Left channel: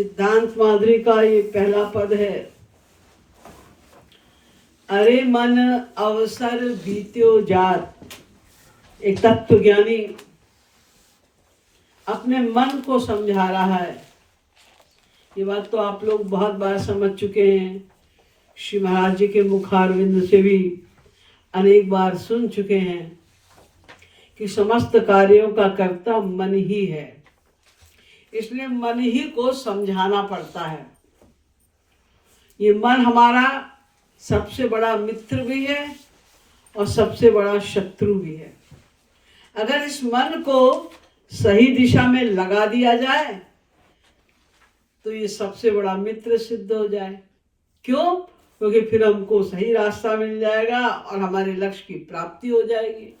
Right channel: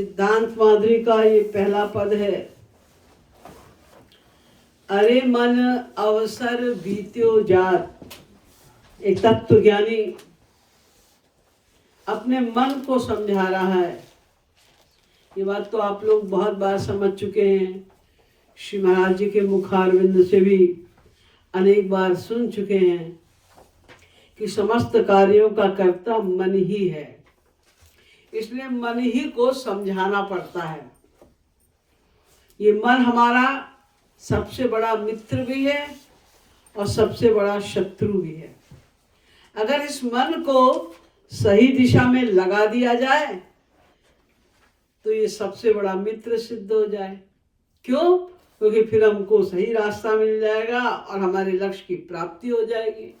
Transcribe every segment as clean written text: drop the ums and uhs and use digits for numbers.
सिद्धांत माधुरी का ये पहला पद है। अरे मन अवसर बीत्यो जात। एक तत्व ज्ञानी अपने मन को समझा रहा है। ये बात तो आप लोग बहुत बार समझ चुके हैं, श्री महाराज जी के मुखारविंद से भी अनेक बार सुन चुके हैं कि समस्त कार्यों का कर्ता मन ही है। इसलिए मन ही को समझाना पड़ता है। ये मन हमारा सबसे बड़ा मित्र भी है और सबसे बड़ा शत्रु भी है। अगर इस मन को सही दिशा में लगा दिया जाए तो ये सबसे बड़ा मित्र सिद्ध हो जाए। क्यों? क्योंकि फिर हमको सही रास्ता मिल जाएगा और हमारे लक्ष्य की प्राप्ति हो जाएगी।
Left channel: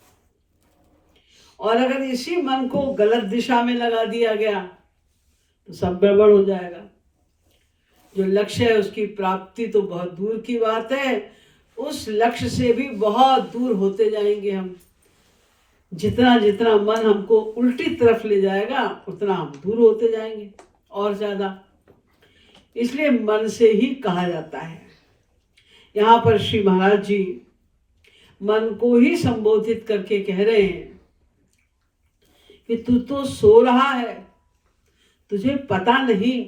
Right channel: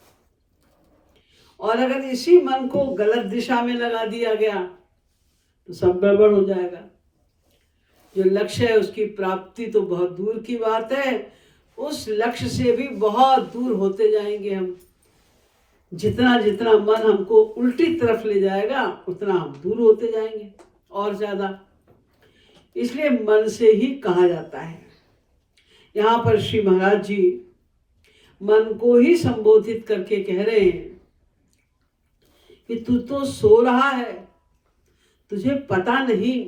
और अगर इसी मन को गलत दिशा में लगा दिया गया तो सब गड़बड़ हो जाएगा। जो लक्ष्य है उसकी प्राप्ति तो बहुत दूर की बात है, उस लक्ष्य से भी बहुत दूर होते जाएंगे हम। जितना जितना मन हमको उल्टी तरफ ले जाएगा उतना हम दूर होते जाएंगे और ज्यादा। इसलिए मन से ही कहा जाता है। यहाँ पर श्री महाराज जी मन को ही संबोधित करके कह रहे हैं कि तू तो सो रहा है, तुझे पता नहीं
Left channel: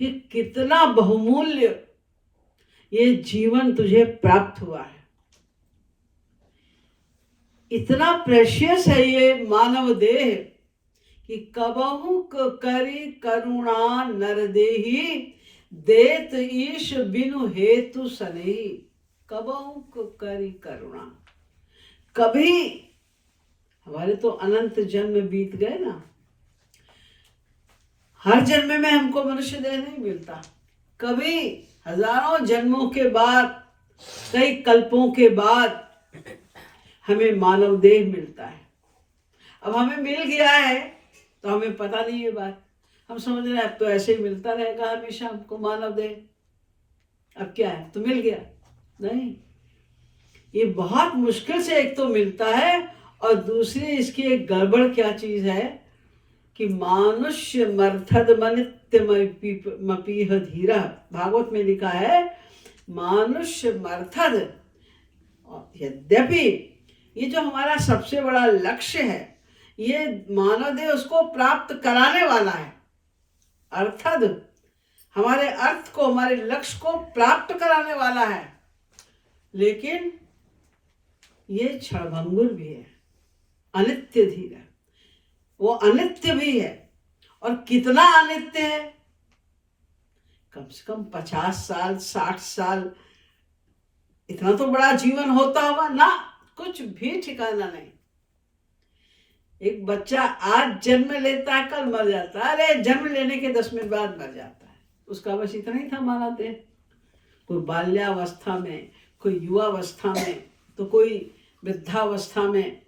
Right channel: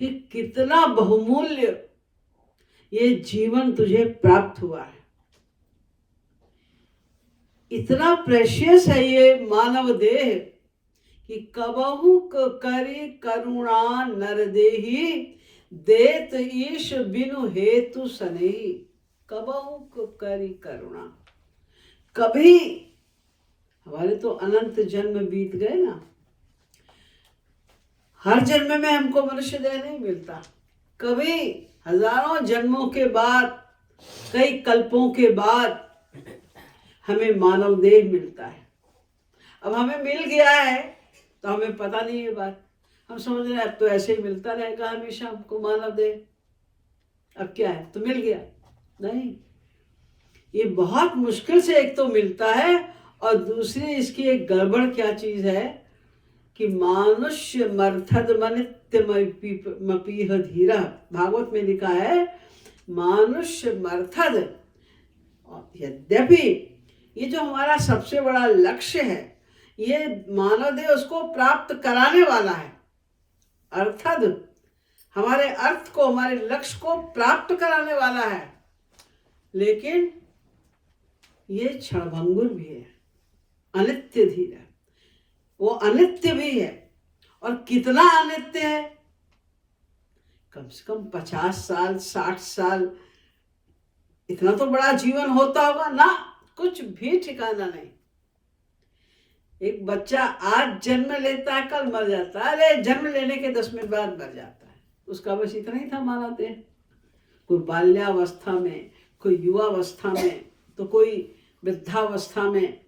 कि कितना बहुमूल्य ये जीवन तुझे प्राप्त हुआ है। इतना प्रेशियस है ये मानव देह कि कबहु करी करुणा नरदेही देत ईश बिनु हेतु सनेही। कबहु करी करुणा। कभी हमारे तो अनंत जन्म बीत गए ना, हर जन्म में हमको मनुष्य देह नहीं मिलता। कभी हजारों जन्मों के बाद, कई कल्पों के बाद हमें मानव देह मिलता है। अब हमें मिल गया है तो हमें पता नहीं ये बात। हम समझ रहे हैं अब तो ऐसे ही मिलता रहेगा हमेशा हमको मानव देह। अब क्या है, तो मिल गया नहीं। ये बहुत मुश्किल से एक तो मिलता है और दूसरी इसकी एक गड़बड़ क्या चीज है कि मानुष्य मर्थद मनित्यमपीह धीरा। भागवत में लिखा है मानुष्य मर्थद। यद्यपि ये जो हमारा सबसे बड़ा लक्ष्य है, ये मानव देह उसको प्राप्त कराने वाला है। अर्थद हमारे अर्थ को, हमारे लक्ष्य को प्राप्त कराने वाला है, लेकिन ये क्षणभंगुर भी है, अनित्य धीर है। वो अनित्य भी है। और कितना अनित्य है? कम से कम 50 साल 60 साल, इतना तो बड़ा जीवन होता होगा ना, कुछ भी ठिकाना नहीं। एक बच्चा आज जन्म लेता है, कल मर जाता है। अरे जन्म लेने के 10 मिनट बाद मर जाता है। उसका बस इतना ही था हमारा देह। कोई बाल्यावस्था में, कोई युवावस्था में, तो कोई वृद्धावस्था में,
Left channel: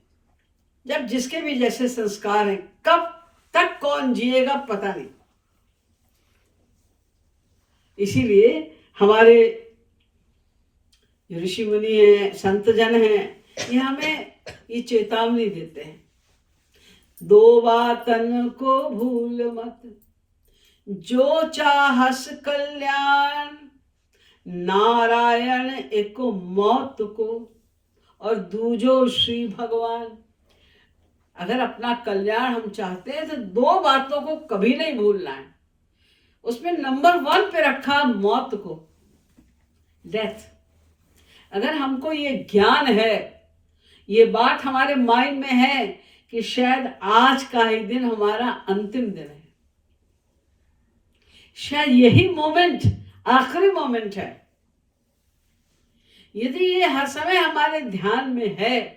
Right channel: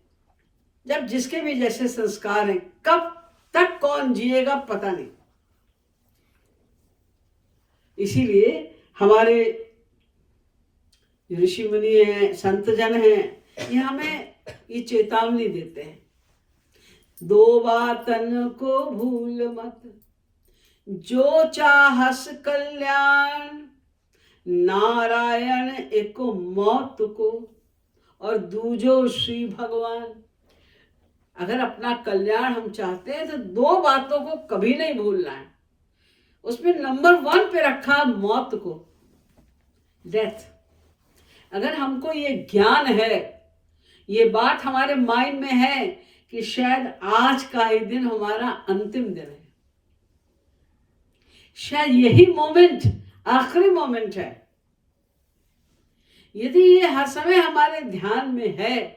जब जिसके भी जैसे संस्कार हैं, कब तक कौन जिएगा पता नहीं। इसीलिए हमारे ऋषि मुनि हैं, संत जन हैं, ये हमें ये चेतावनी देते हैं, दो बातन को भूल मत, जो चाहस कल्याण, नारायण एक मौत को और दूजो श्री भगवान। अगर अपना कल्याण हम चाहते हैं तो दो बातों को कभी नहीं भूलना है। उसमें नंबर 1 पे रखा मौत को, डेथ। अगर हमको ये ज्ञान है, ये बात हमारे माइंड में है कि शायद आज का ही दिन हमारा अंतिम दिन है, शायद यही मोमेंट आखिरी मोमेंट है, यदि ये हर समय हमारे ध्यान में है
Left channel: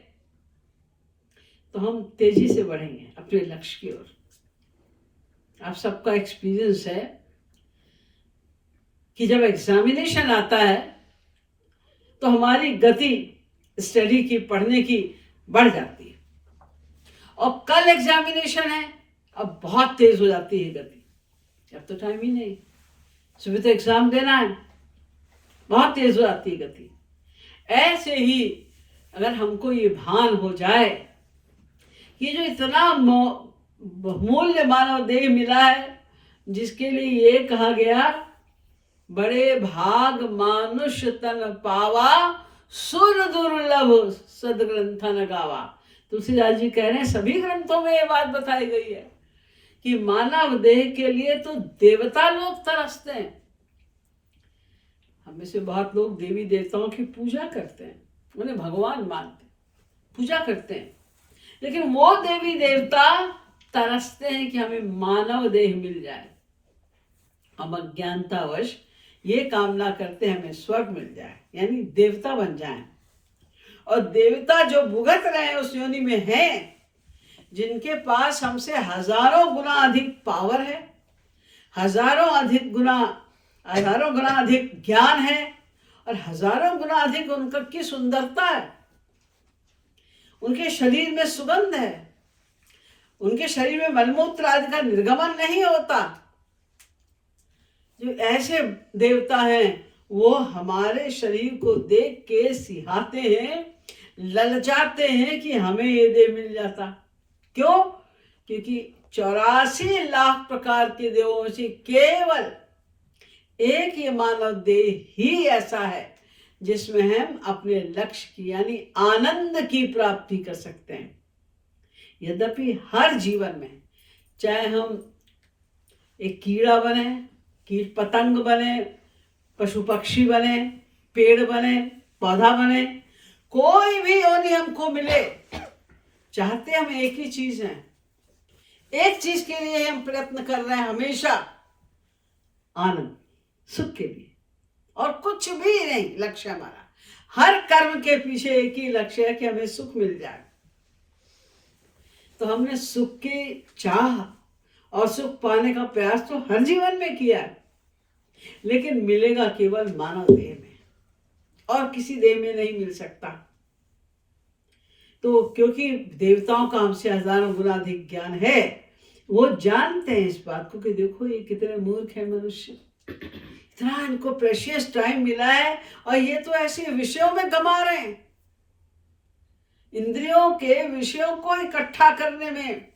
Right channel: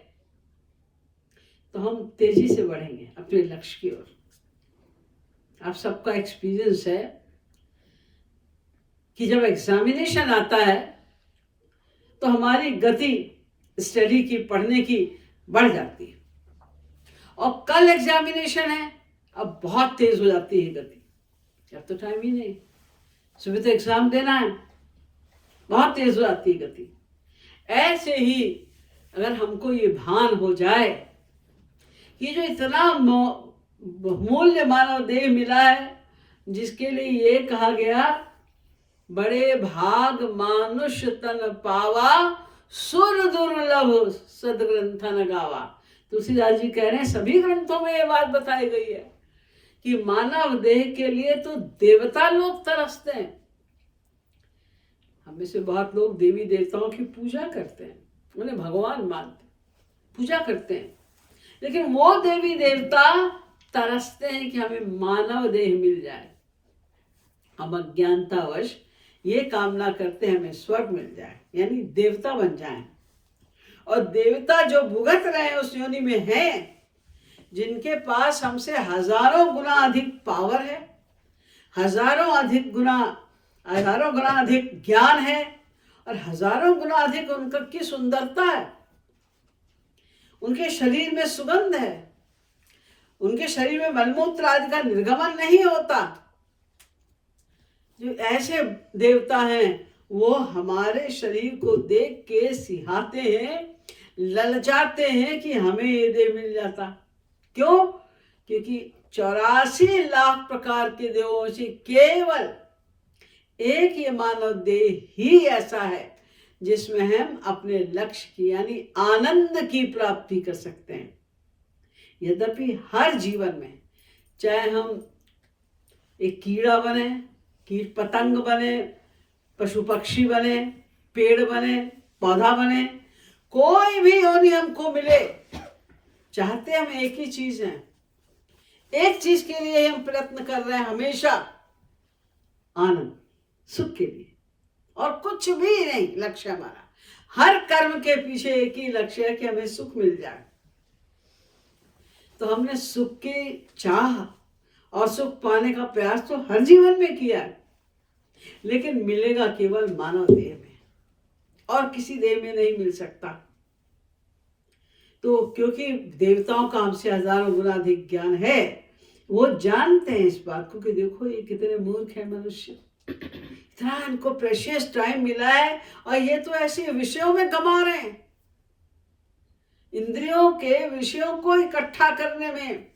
तो हम तेजी से बढ़ेंगे अपने लक्ष्य की ओर। आप सबका एक्सपीरियंस है कि जब एग्जामिनेशन आता है तो हमारी गति स्टडी की, पढ़ने की बढ़ जाती है। और कल एग्जामिनेशन है, अब बहुत तेज हो जाती है गति। अब तो टाइम ही नहीं, सुबह तो एग्जाम देना है, बहुत तेज हो जाती है गति। ऐसे ही अगर हमको ये भान हो जाए कि जो इतना मूल्य मानव देह मिला है, जिसके लिए ये कहा गया, बड़े भाग मानुष तन पावा, सुर दुर्लभ सदग्रंथन गावा। तुलसीदास जी कह रहे हैं सभी ग्रंथों में ये बात बताई गई है कि मानव देह के लिए तो देवता लोग तरसते हैं। हम में से बहुत लोग देवी देवताओं की पूजा करते हैं, उन्हें भगवान मानते हैं, पूजा करते हैं, लेकिन वो देवी देवता तरसते हैं कि हमें मानव देह मिल जाए। हम अज्ञानतावश ये कामना करते हैं हमें स्वर्ग मिल जाए, यानी देवता बन जाएं। और देवता जो भुगत रहे हैं उस योनि में हैं, जिनके पास हमसे हजारों गुना अधिक पावर है, हजारों गुना अधिक ज्ञान है, और हजारों गुना अधिक उनका की सुंदरता है, उनके शरीर में सुगंध है, उनके शरीर में मलमूत्र आदि का निर्गमन नहीं होता। जो ऐसे देवता हैं वो हमारे शरीर को देख के सिहाते हैं, ललचाते हैं कि हमें ये देह मिल जाता। क्यों? क्योंकि 84 लाख प्रकार के देवों में से केवल एक ये मानव देह ही ऐसा है जिसमें हम अपने लक्ष्य की यानी आनंद की प्राप्ति कर सकते हैं। यद्यपि हर जीवन में, चाहे हम एक कीड़ा बने, कीट पतंग बने, पशु पक्षी बने, पेड़ बने, पौधा बने, कोई भी योनि हमको मिले, चाहते हम एक ही चीज है, एक चीज के लिए हम प्रयत्न कर रहे हैं हमेशा, आनंद, सुख के लिए, और कुछ भी नहीं लक्ष्य हमारा। हर कर्म के पीछे एक ही लक्ष्य है कि हमें सुख मिल जाए। तो हमने सुख की चाह और सुख पाने का प्रयास तो हर जीवन में किया है, लेकिन मिलेगा केवल मानव देह में, और किसी देह में नहीं मिल सकता। तो क्योंकि देवताओं का हमसे हजारों गुना अधिक ज्ञान है, वो जानते हैं इस बात को कि देखो ये कितने मूर्ख है मनुष्य, इतना इनको प्रेशियस टाइम मिला है और ये तो ऐसे विषयों में गमा रहे हैं, इंद्रियों के विषयों को इकट्ठा करने में,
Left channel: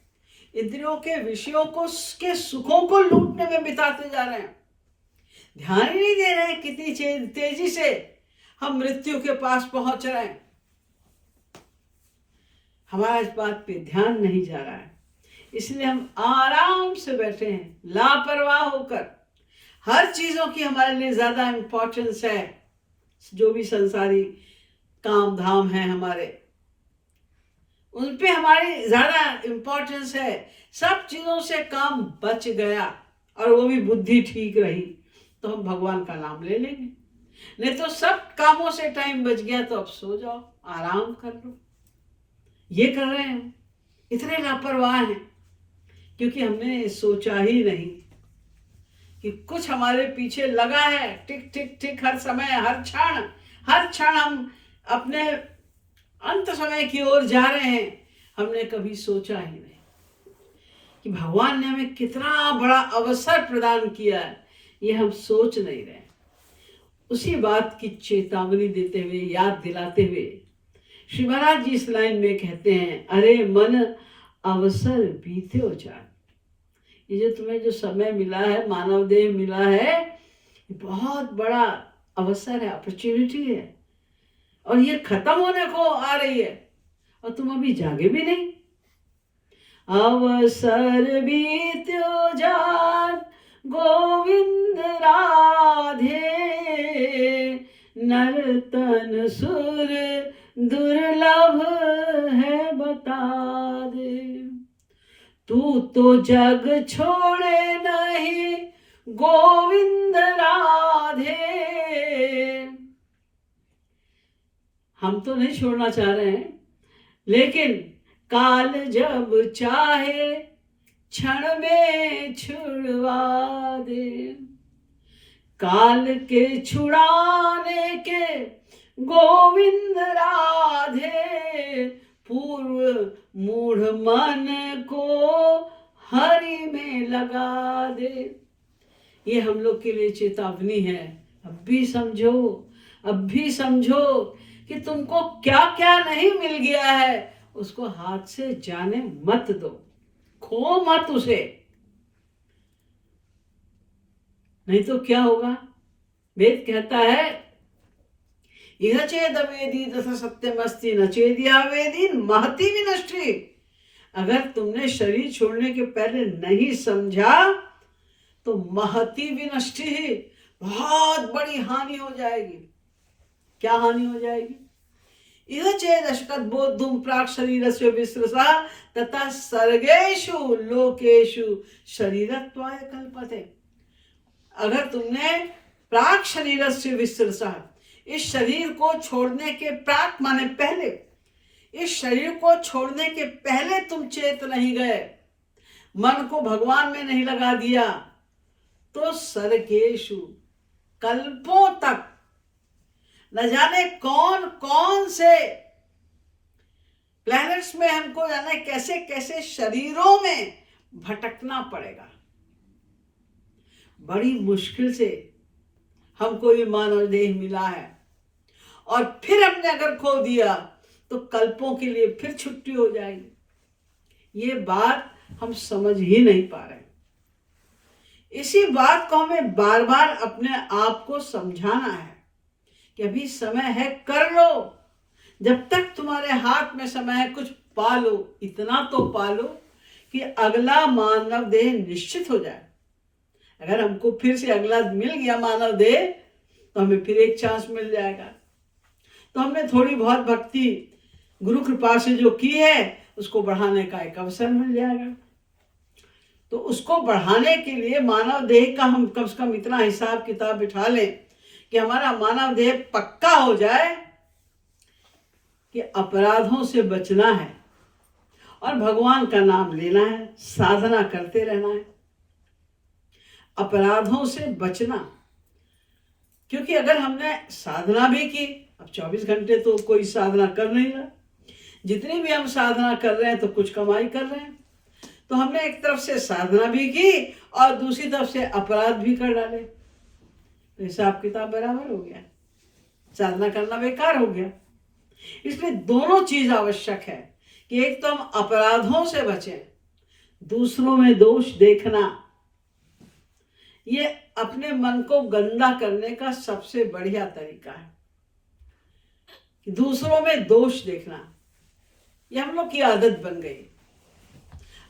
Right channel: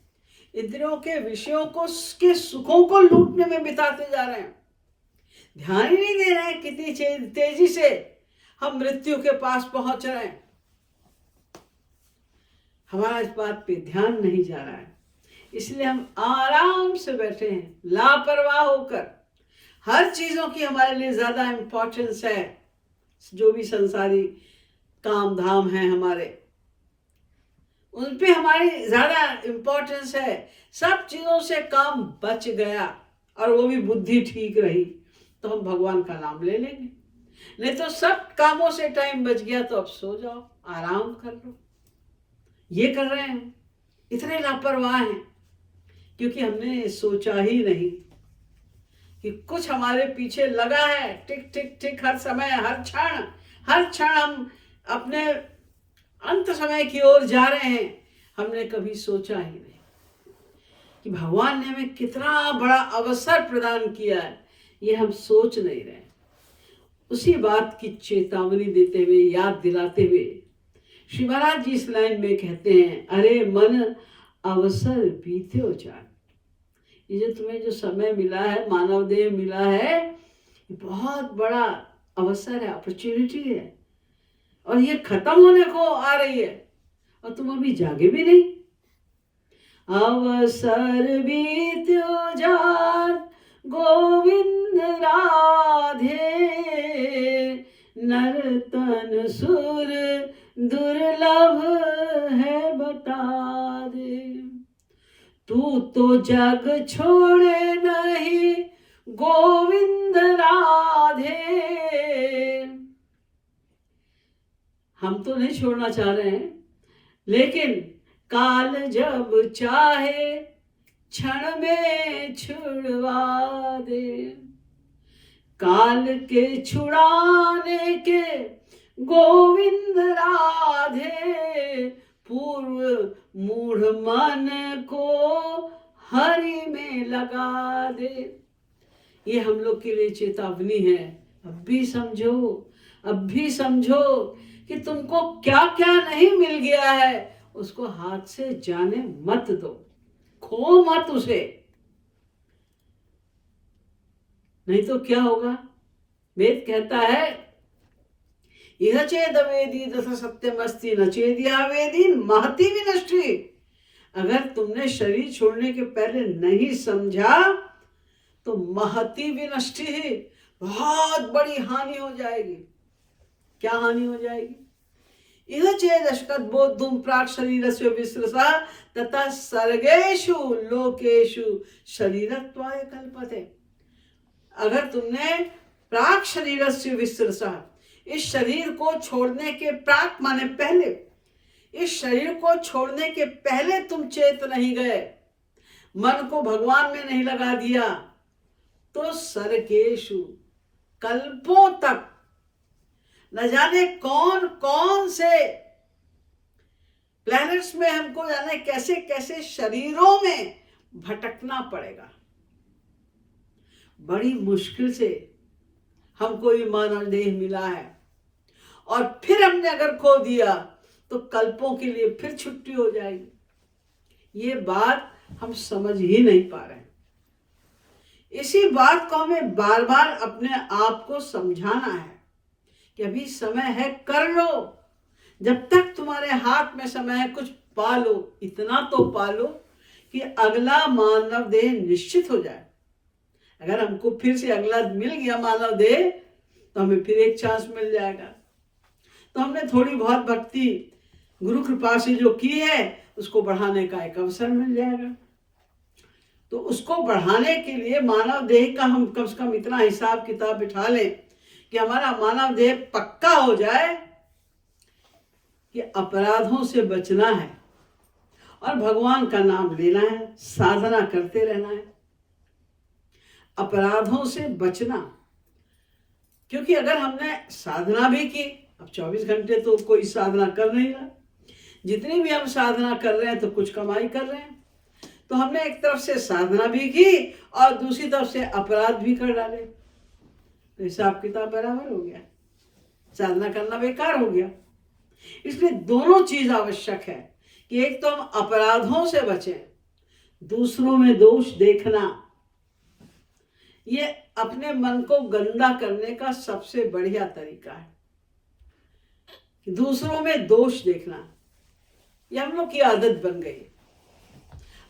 इंद्रियों के विषयों को के सुखों को लूटने में बिताते जा रहे हैं। ध्यान ही नहीं दे रहे हैं कितनी तेजी से हम मृत्यु के पास पहुंच रहे हैं। हमारा इस बात पे ध्यान नहीं जा रहा है, इसलिए हम आराम से बैठे हैं लापरवाह होकर। हर चीजों की हमारे लिए ज्यादा इंपॉर्टेंस है, जो भी संसारी काम धाम है हमारे, उन पे हमारी ज्यादा इंपॉर्टेंस है। सब चीजों से काम बच गया और वो भी बुद्धि ठीक रही तो हम भगवान का नाम ले लेंगे, नहीं तो सब कामों से टाइम बच गया तो अब सो जाओ, आराम कर लो। ये कर रहे हैं, इतने लापरवाह हैं क्योंकि हमने सोचा ही नहीं कि कुछ हमारे पीछे लगा है, टिक टिक टिक, हर समय, हर क्षण हम अपने अंत समय की ओर जा रहे हैं। हमने कभी सोचा ही नहीं कि भगवान ने हमें कितना बड़ा अवसर प्रदान किया है, ये हम सोच नहीं रहे। उसी बात की चेतावनी देते हुए, याद दिलाते हुए श्री महाराज जी इस लाइन में कहते हैं, अरे मन अवसर बीते हो जान। ये जो तुम्हें जो समय मिला है, मानव देह मिला है, ये बहुत बड़ा अवसर है, अपॉर्चुनिटी है, और ये खत्म होने को आ रही है और तुम अभी जागे भी नहीं। अवसर बीत्यो जान गोविंद राधे, नर्तन सुर दुर्लभ है बता दे। तू तो जग छोड़े नहीं गोविंद राधे। हम तो नहीं छोड़ना चाह रहे हैं, लेकिन काल जब चाहे क्षण में छुड़वा दे। काल के छुड़ाने के गोविंद राधे, पूर्व मूढ़ मन को हरि में लगा दे। ये हम लोग के लिए चेतावनी है। अब भी समझो कि तुमको क्या क्या नहीं मिल गया है, उसको हाथ से जाने मत दो, खो मत उसे। नहीं तो क्या होगा? वेद कहता है इह चेदवेदी दस सत्यमस्ति न चेदिया वेदी महती विनष्टि। अगर तुमने शरीर छोड़ने के पहले नहीं समझा तो महती विनष्टि, बहुत बड़ी हानि हो जाएगी। क्या हानि हो जाएगी? इह चेदशकत बोद्धुम प्राक शरीरस्य विस्रसा तथा सर्गेषु लोकेषु शरीरत्वाय कल्पते। अगर तुमने प्राक शरीरस्य विस्रसा, इस शरीर को छोड़ने के प्राक माने पहले, इस शरीर को छोड़ने के पहले तुम चेत नहीं गए, मन को भगवान में नहीं लगा दिया, तो सर्गेषु कल्पों तक न जाने कौन कौन से प्लैनेट्स में हमको जाने कैसे कैसे शरीरों में भटकना पड़ेगा। बड़ी मुश्किल से हमको ये मानव देह मिला है और फिर हमने अगर खो दिया तो कल्पों के लिए फिर छुट्टी हो जाएगी। ये बात हम समझ ही नहीं पा रहे। इसी बात को हमें बार बार अपने आप को समझाना है कि अभी समय है, कर लो। जब तक तुम्हारे हाथ में समय है कुछ पालो, इतना तो पालो कि अगला मानव देह निश्चित हो जाए। अगर हमको फिर से अगला मिल गया मानव देह तो हमें फिर एक चांस मिल जाएगा। तो हमने थोड़ी बहुत भक्ति गुरु कृपा से जो की है उसको बढ़ाने का एक अवसर मिल जाएगा। तो उसको बढ़ाने के लिए मानव देह का हम कम से कम इतना हिसाब किताब बिठा लें कि हमारा मानव देह पक्का हो जाए कि अपराधों से बचना है और भगवान का नाम लेना है, साधना करते रहना है, अपराधों से बचना। क्योंकि अगर हमने साधना भी की, अब 24 घंटे तो कोई साधना कर नहीं रहा, जितनी भी हम साधना कर रहे हैं तो कुछ कमाई कर रहे हैं, तो हमने एक तरफ से साधना भी की और दूसरी तरफ से अपराध भी कर डाले, तो हिसाब किताब बराबर हो गया, साधना करना बेकार हो गया। इसलिए दोनों चीज आवश्यक है कि एक तो हम अपराधों से बचें, दूसरों में दोष देखना, ये अपने मन को गंदा करने का सबसे बढ़िया तरीका है। दूसरों में दोष देखना ये हम लोग की आदत बन गई।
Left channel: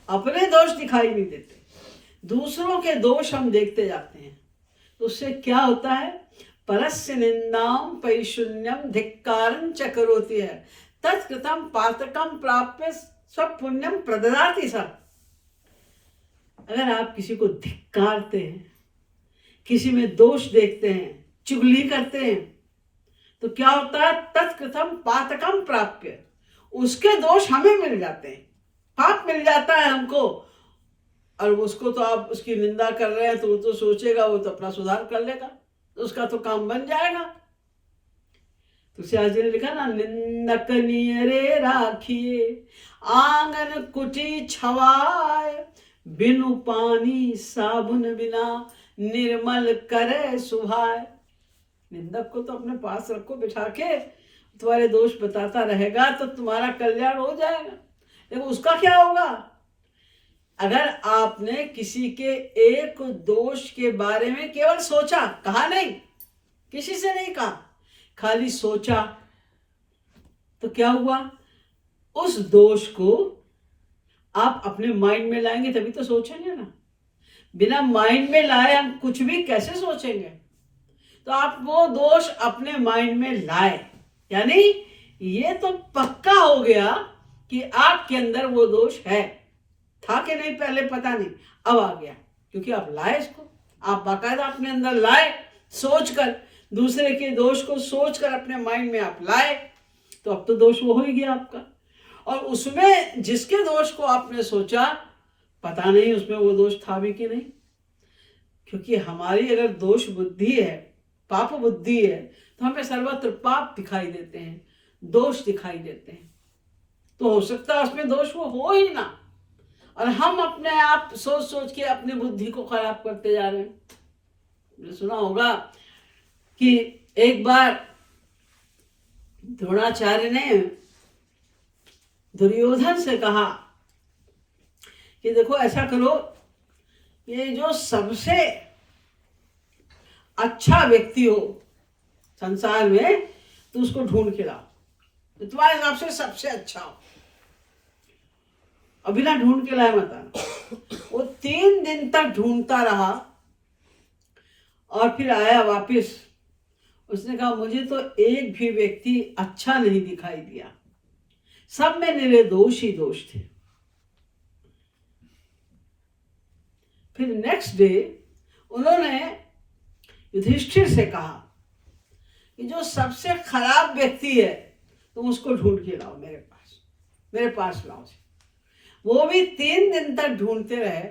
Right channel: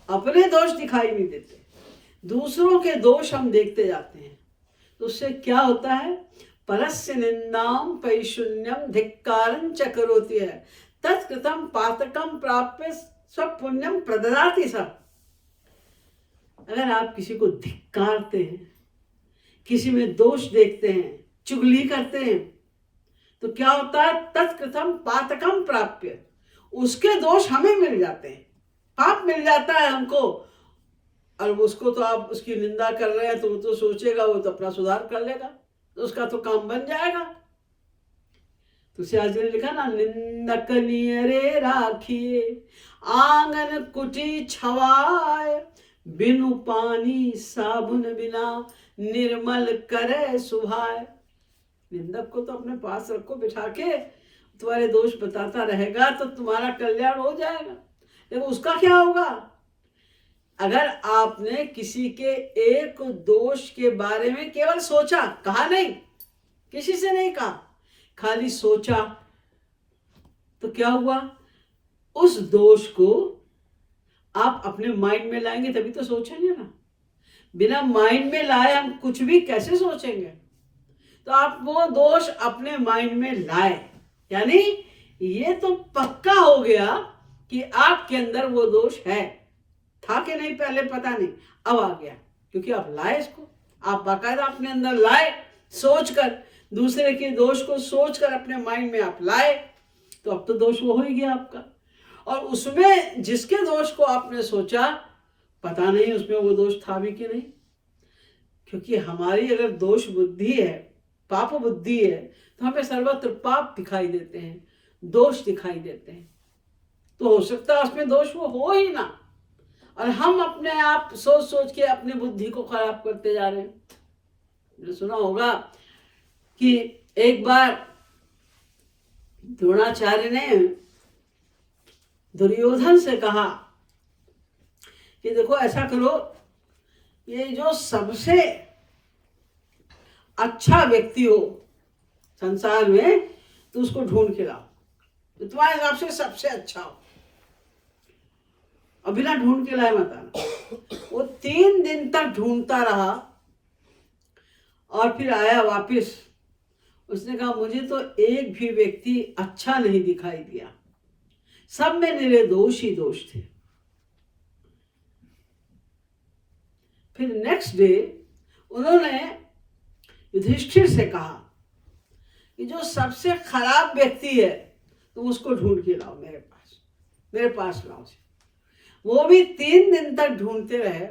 अपने दोष दिखाई नहीं देते, दूसरों के दोष हम देखते जाते हैं। तो उससे क्या होता है? परस्य निंदाम पैशून्यम धिक्कारं च करोति है तत्कृतम पातकम प्राप्य स्वपुण्यम प्रददाति स। अगर आप किसी को धिक्कारते हैं, किसी में दोष देखते हैं, चुगली करते हैं, तो क्या होता है? तत्कृतम पातकम प्राप्य, उसके दोष हमें मिल जाते हैं, पाप मिल जाता है हमको। और उसको तो आप उसकी निंदा कर रहे हैं तो वो तो सोचेगा, वो तो अपना सुधार कर लेगा, तो उसका तो काम बन जाएगा। तुलसीदास जी ने लिखा ना, निंदक नियरे राखिए आंगन कुटी छवाए, बिनु पानी साबुन बिना निर्मल करे सुभाए। निंदक को तो अपने पास रखो बिठा के, तुम्हारे दोष बताता रहेगा तो तुम्हारा कल्याण हो जाएगा। देखो उसका क्या होगा? अगर आपने किसी के एक दोष के बारे में केवल सोचा, कहा नहीं, किसी से नहीं कहा, खाली सोचा, तो क्या हुआ? उस दोष को आप अपने माइंड में लाएंगे तभी तो सोचेंगे ना। बिना माइंड में लाए हम कुछ भी कैसे सोचेंगे? तो आप वो दोष अपने माइंड में लाए, यानी ये तो पक्का हो गया कि आपके अंदर वो दोष है। था कि नहीं पहले पता नहीं, अब आ गया क्योंकि आप लाए इसको, आप बाकायदा अपने अंदर लाए, सोचकर, दूसरे के दोष को सोचकर अपने माइंड में आप लाए, तो अब तो दोष वो हो ही गया आपका। और उसमें जिसके दोष को आपने सोचा, पता नहीं उसमें वो दोष था भी कि नहीं। क्योंकि हमारी अगर दोष बुद्धि है, पाप बुद्धि है, तो हमें सर्वत्र पाप दिखाई देते हैं, दोष दिखाई देते हैं। तो हो सकता है उसमें दोष वो हो ही ना, और हम अपने आप सोच सोच के अपने बुद्धि को खराब करते जा रहे हैं। सुना होगा कि एक बार द्रोणाचार्य ने दुर्योधन से कहा कि देखो ऐसा करो, ये जो सबसे अच्छा व्यक्ति हो संसार में तो उसको ढूंढ के लाओ, तो तुम्हारे हिसाब से सबसे अच्छा हो, और बिना ढूंढ के लाए मत आना। वो 3 दिन तक ढूंढता रहा और फिर आया वापस। उसने कहा मुझे तो एक भी व्यक्ति अच्छा नहीं दिखाई दिया, सब में मेरे दोष ही दोष थे। फिर नेक्स्ट डे उन्होंने युधिष्ठिर से कहा कि जो सबसे खराब व्यक्ति है तुम उसको ढूंढ के लाओ मेरे पास लाओ। वो भी 3 दिन तक ढूंढते रहे।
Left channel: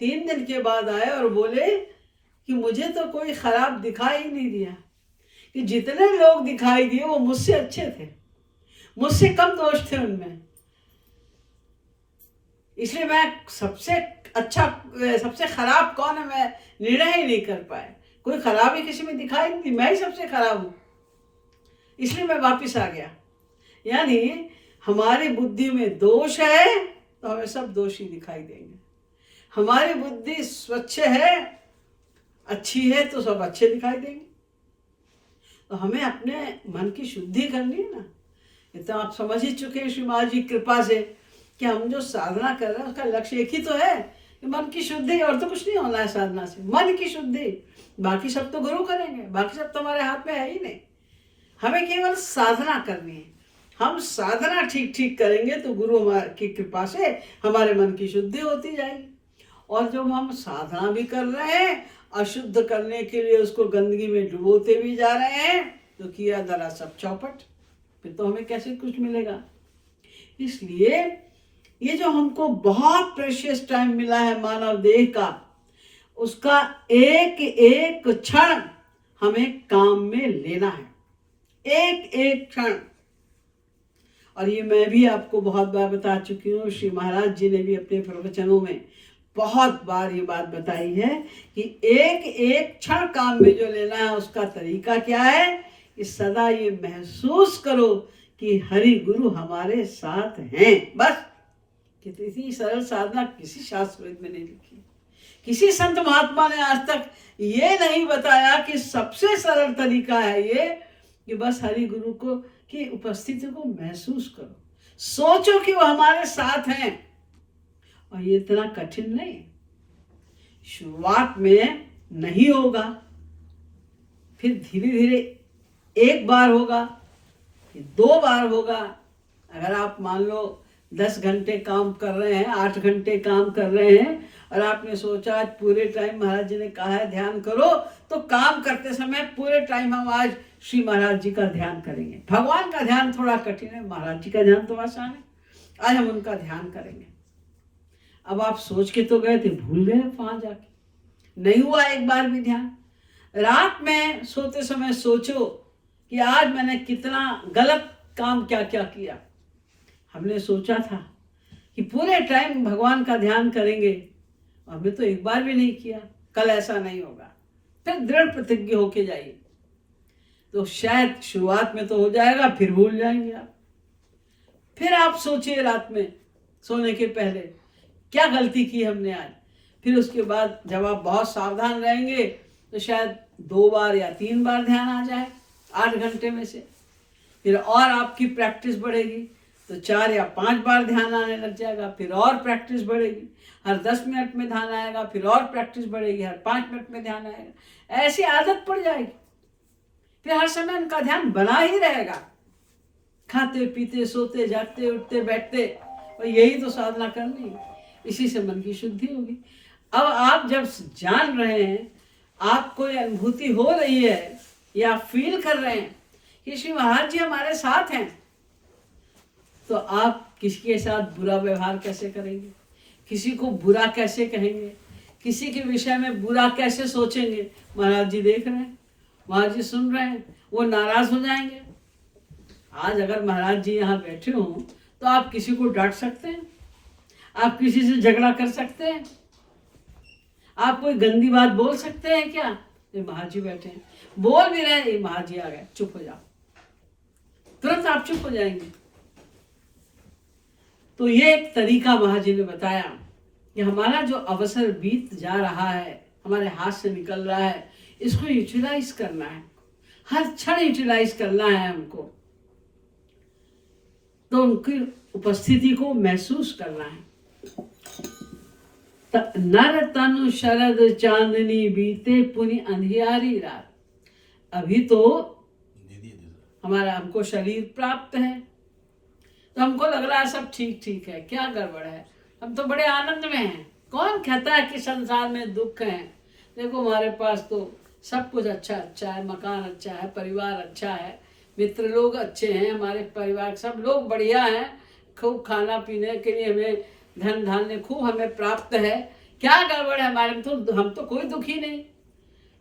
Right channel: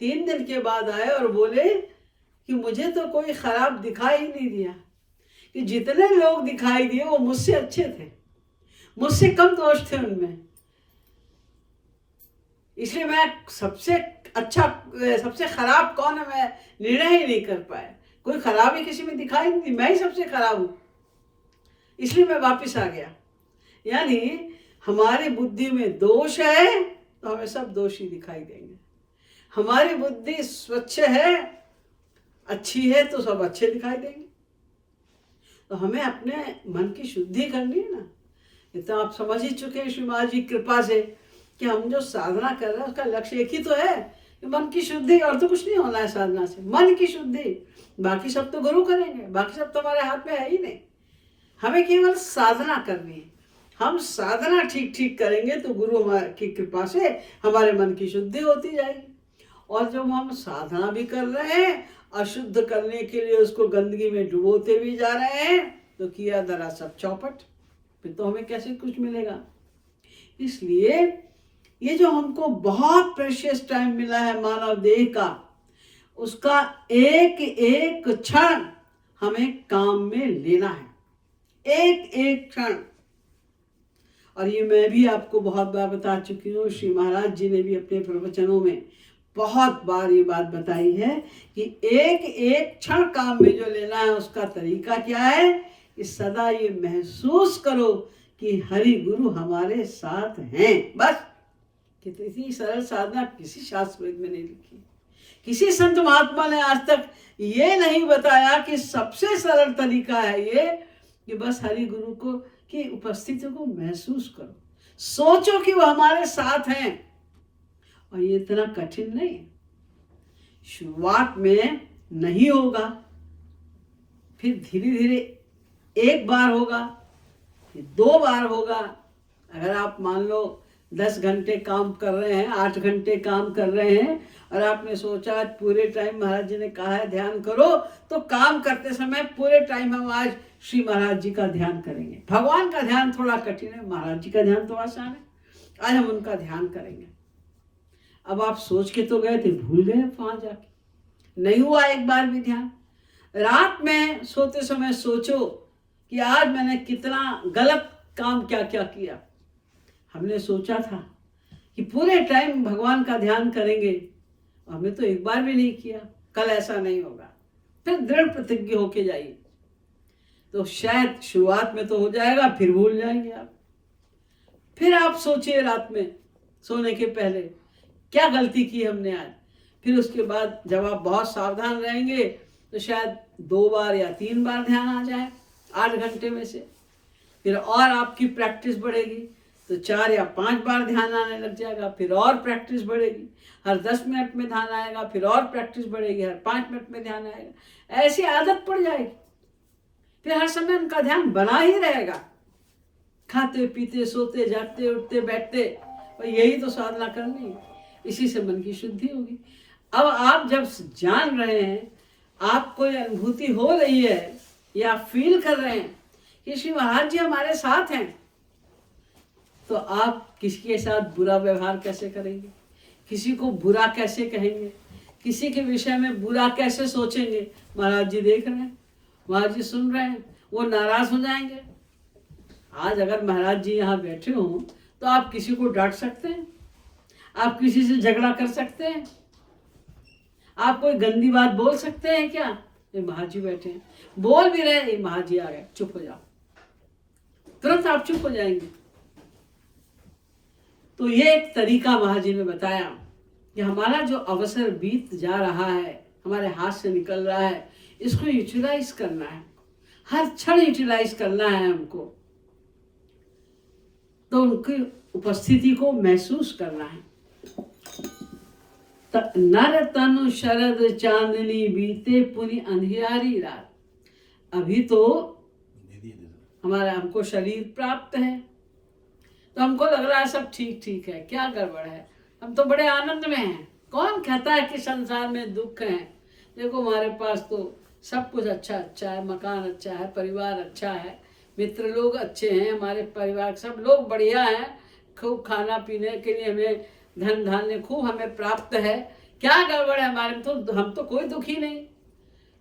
3 दिन के बाद आए और बोले कि मुझे तो कोई खराब दिखाई ही नहीं दिया, कि जितने लोग दिखाई दिए वो मुझसे अच्छे थे, मुझसे कम दोष थे उनमें, इसलिए मैं सबसे अच्छा सबसे खराब कौन है मैं निर्णय ही नहीं कर पाया। कोई खराबी किसी में दिखाई नहीं, मैं ही सबसे खराब हूं, इसलिए मैं वापस आ गया। यानी हमारी बुद्धि में दोष है तो हमें सब दोषी दिखाई देंगे, हमारी बुद्धि स्वच्छ है अच्छी है तो सब अच्छे दिखाई देंगे। तो हमें अपने मन की शुद्धि करनी है ना। ये तो आप समझ ही चुके हैं श्री महाराज जी कृपा से कि हम जो साधना कर रहे हैं उसका लक्ष्य एक ही तो है कि मन की शुद्धि, और तो कुछ नहीं होना है साधना से, मन की शुद्धि। बाकी सब तो गुरु करेंगे, बाकी सब तो हमारे हाथ में है ही नहीं, हमें केवल साधना करनी है। हम साधना ठीक ठीक करेंगे तो गुरु की कृपा से हमारे मन की शुद्धि होती जाएगी। और जब हम साधना भी कर रहे हैं, अशुद्ध करने के लिए उसको गंदगी में डुबोते भी जा रहे हैं, तो किया दरा सब चौपट, फिर तो हमें कैसे कुछ मिलेगा। इसलिए ये जो हमको बहुत प्रेशियस टाइम मिला है मानव देह का, उसका एक एक क्षण हमें काम में लेना है, एक एक क्षण। और ये मैं भी आपको बहुत बार बता चुकी हूँ, श्री महाराज जी ने भी अपने प्रवचनों में बहुत बार ये बात बताई है कि एक एक क्षण काम में जो लेना है उसका तरीका क्या है कि सदा ये महसूस करो कि हरि गुरु हमारे साथ हैं। बस कितनी सरल साधना किसी शास्त्र में नहीं लिखी, किसी संत महात्मा ने आज तक ये नहीं बताया कि सबसे सरल तरीका है ये कि बस हरि गुरु को की उपस्थिति को महसूस करो, सोचो कि वो हमारे साथ हैं। और ये इतना कठिन नहीं, शुरुआत में नहीं होगा, फिर धीरे धीरे एक बार होगा, फिर 2 बार होगा। अगर आप मान लो 10 घंटे काम कर रहे हैं, 8 घंटे काम कर रहे हैं, और आपने सोचा आज पूरे टाइम महाराज जी ने कहा है ध्यान करो, तो काम करते समय पूरे टाइम हम आज श्री महाराज जी का ध्यान करेंगे। भगवान का ध्यान थोड़ा कठिन है, महाराज जी का ध्यान तो आसान है, आज हम उनका ध्यान करेंगे। अब आप सोच के तो गए थे, भूल गए वहां जाके, नहीं हुआ एक बार भी ध्यान। रात में सोते समय सोचो कि आज मैंने कितना गलत काम क्या क्या किया। हमने सोचा था कि पूरे टाइम भगवान का ध्यान करेंगे, और हमने तो एक बार भी नहीं किया, कल ऐसा नहीं होगा। फिर दृढ़ प्रतिज्ञ होके जाइए, तो शायद शुरुआत में तो हो जाएगा, फिर भूल जाएंगे आप। फिर आप सोचिए रात में सोने के पहले क्या गलती की हमने आज। फिर उसके बाद जब आप बहुत सावधान रहेंगे तो शायद 2 बार या 3 बार ध्यान आ जाए 8 घंटे में से। फिर और आपकी प्रैक्टिस बढ़ेगी तो 4 या 5 बार ध्यान आने लग जाएगा, फिर और प्रैक्टिस बढ़ेगी, हर 10 मिनट में ध्यान आएगा, फिर और प्रैक्टिस बढ़ेगी, हर 5 मिनट में ध्यान आएगा। ऐसी आदत पड़ जाएगी, फिर हर समय उनका ध्यान बना ही रहेगा, खाते पीते सोते जागते उठते बैठते। और यही तो साधना करनी है, इसी से मन की शुद्धि होगी। अब आप जब जान रहे हैं, आपको ये अनुभूति हो रही है या फील कर रहे हैं कि श्री महाराज जी हमारे साथ हैं, तो आप किसी के साथ बुरा व्यवहार कैसे करेंगे, किसी को बुरा कैसे कहेंगे, किसी के विषय में बुरा कैसे सोचेंगे। महाराज जी देख रहे हैं, महाराज जी सुन रहे हैं, वो नाराज हो जाएंगे। आज अगर महाराज जी यहाँ बैठे हों तो आप किसी को डांट सकते हैं, आप किसी से झगड़ा कर सकते हैं, आप कोई गंदी बात बोल सकते हैं क्या? ये महाराज जी बैठे हैं, बोल भी रहे, ये महाराज जी आ गए, चुप हो जाओ, तुरंत आप चुप हो जाएंगे। तो ये एक तरीका महाराज जी ने बताया कि हमारा जो अवसर बीत जा रहा है, हमारे हाथ से निकल रहा है, इसको यूटिलाइज करना है, हर क्षण यूटिलाइज करना है हमको, तो उनकी उपस्थिति को महसूस करना है। नर तनु शरद चांदनी बीते पुनि अंधियारी रात। अभी तो हमारा हमको शरीर प्राप्त है, तो हमको लग रहा है सब ठीक ठीक है, क्या गड़बड़ है, हम तो बड़े आनंद में हैं। कौन कहता है कि संसार में दुख है? देखो हमारे पास तो सब कुछ अच्छा अच्छा है, मकान अच्छा है, परिवार अच्छा है, मित्र लोग अच्छे हैं, हमारे परिवार सब लोग बढ़िया हैं, खूब खाना पीने के लिए हमें धन धान्य खूब हमें प्राप्त है, क्या गड़बड़ है हमारे में? तो हम तो कोई दुखी नहीं।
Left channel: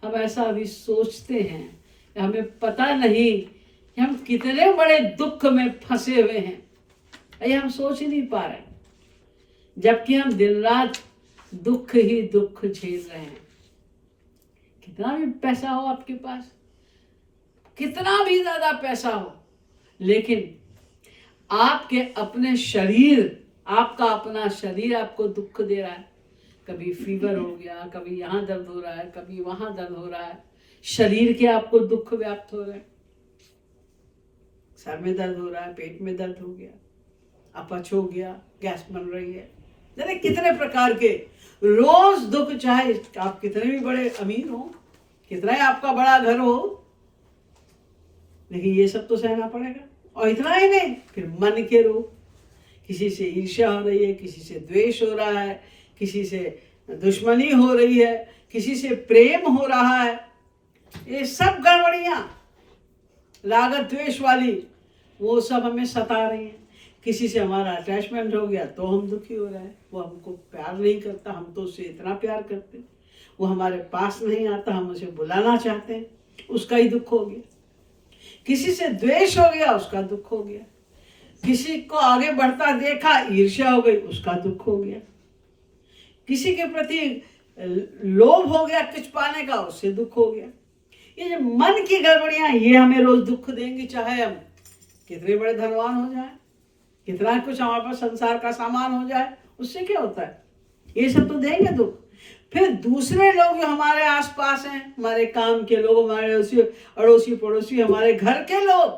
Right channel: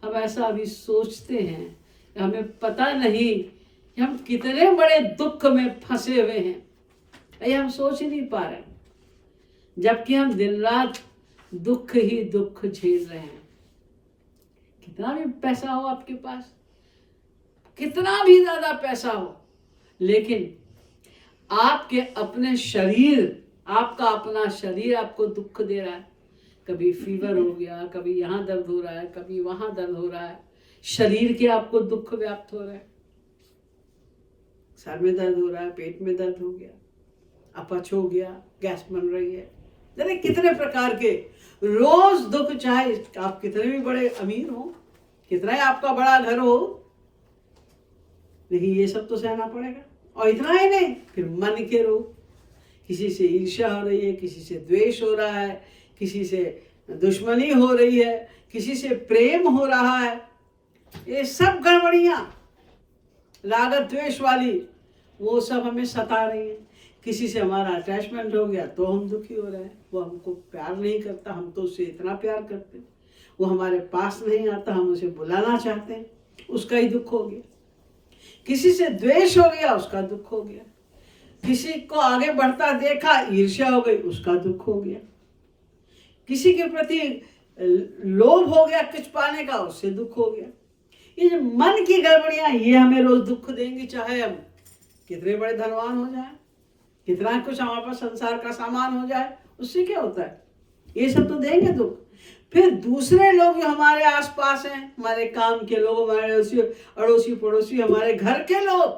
हम ऐसा अभी सोचते हैं, हमें पता नहीं कि हम कितने बड़े दुख में फंसे हुए हैं, ये हम सोच ही नहीं पा रहे, जबकि हम दिन रात दुख ही दुख झेल रहे हैं। कितना भी पैसा हो आपके पास, कितना भी ज्यादा पैसा हो, लेकिन आपके अपने शरीर, आपका अपना शरीर आपको दुख दे रहा है। कभी फीवर हो गया, कभी यहाँ दर्द हो रहा है, कभी वहां दर्द हो रहा है, शरीर के आपको दुख व्याप्त हो रहे हैं। सर में दर्द हो रहा है, पेट में दर्द हो गया, अपच हो गया, गैस बन रही है, जाने कितने प्रकार के रोज दुख, चाहे आप कितने भी बड़े अमीर हो, कितना ही आपका बड़ा घर हो, लेकिन ये सब तो सहना पड़ेगा। और इतना ही नहीं, फिर मन के रोग, किसी से ईर्ष्या हो रही है, किसी से द्वेष हो रहा है, किसी से दुश्मनी हो रही है, किसी से प्रेम हो रहा है, ये सब गड़बड़ियां राग द्वेष वाली वो सब हमें सता रही है। किसी से हमारा अटैचमेंट हो गया तो हम दुखी हो रहे हैं, वो हमको प्यार नहीं करता, हम तो उससे इतना प्यार करते हैं, वो हमारे पास नहीं आता, हम उसे बुलाना चाहते हैं, उसका ही दुख हो गया। किसी से द्वेष हो गया, उसका दुख हो गया। किसी को आगे बढ़ता देखा, ईर्ष्या हो गई, उसका दुख हो गया। किसी के प्रति लोभ हो गया कुछ पाने का, उससे दुख हो गया। ये जो मन की गड़बड़ियां, ये हमें रोज दुख देंगी, चाहे हम कितने बड़े धनवान हो जाए, कितना कुछ हमारे पास संसार का सामान हो जाए, उससे क्या होता है, ये सब तो देंगे दुख। फिर दूसरे लोग जो हमारे आसपास हैं, हमारे काम के लोग, हमारे अड़ोसी पड़ोसी, हमारे घर के लोग,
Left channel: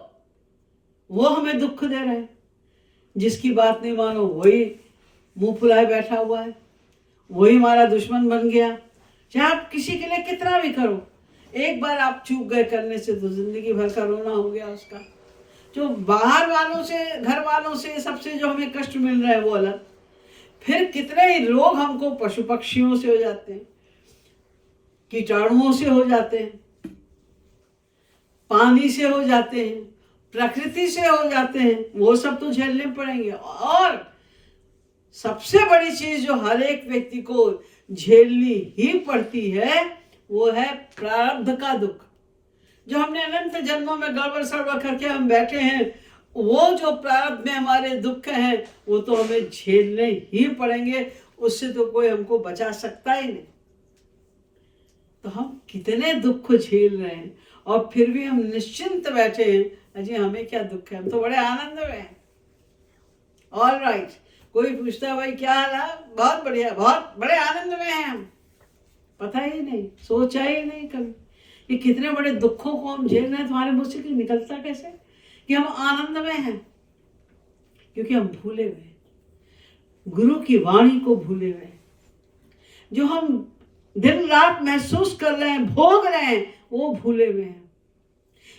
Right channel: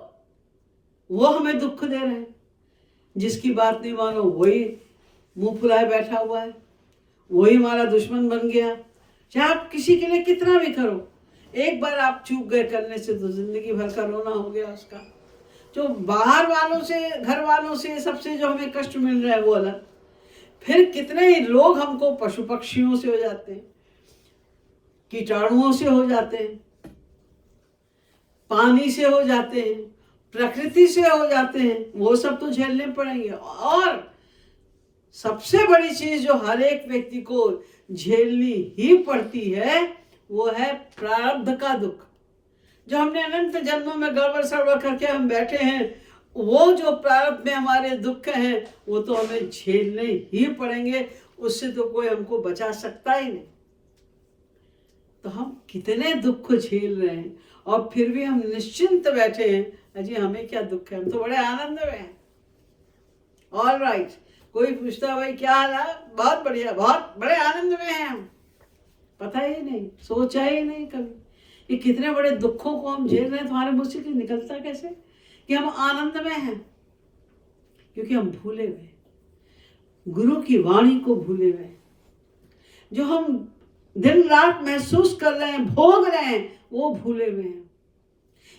वो हमें दुख दे रहे हैं। जिसकी बात नहीं मानो वही मुंह फुलाए बैठा हुआ है, वही हमारा दुश्मन बन गया। चाहे आप किसी के लिए कितना भी करो, एक बार आप चूक गए करने से तो जिंदगी भर का रोना हो गया उसका। जो बाहर वालों से, घर वालों से, सबसे जो हमें कष्ट मिल रहा है वो अलग, फिर कितने ही लोग हमको पशु पक्षियों से हो जाते हैं, कीटाणुओं से हो जाते हैं, पानी से हो जाते हैं, प्रकृति से हो जाते हैं, वो सब तो झेलने पड़ेंगे। और सबसे बड़ी चीज जो हर एक व्यक्ति को झेलनी ही पड़ती है, वो है प्रारब्ध का दुख। जो हमने अनंत जन्मों में गड़बड़ सड़बड़ करके हम बैठे हैं, वो जो प्रारब्ध में हमारे दुख हैं, वो तो हमें झेलने ही पड़ेंगे, उससे तो कोई हमको बचा सकता ही नहीं। तो हम कितने दुख झेल रहे हैं, और फिर भी हम निश्चिंत बैठे हैं, अजी हमें क्या दुख है, हम तो बड़े आनंद में हैं। ऑल राइट, कोई पूछता भाई क्या हाल है, बहुत बढ़िया, बहुत बड़े आनंद में हैं हम। पता ही नहीं, सोचा ही नहीं कभी कि कितने बड़े दुखों को हम झेल रहे हैं। तुम्हारे मुंह से निकलता कैसे कि हम आनंद में हैं? क्योंकि हम भूले हुए, गुरु की वाणी को भूले हुए, जो हम दिन रात महसूस कर रहे हैं, भोग रहे हैं, वो भूले हुए हैं।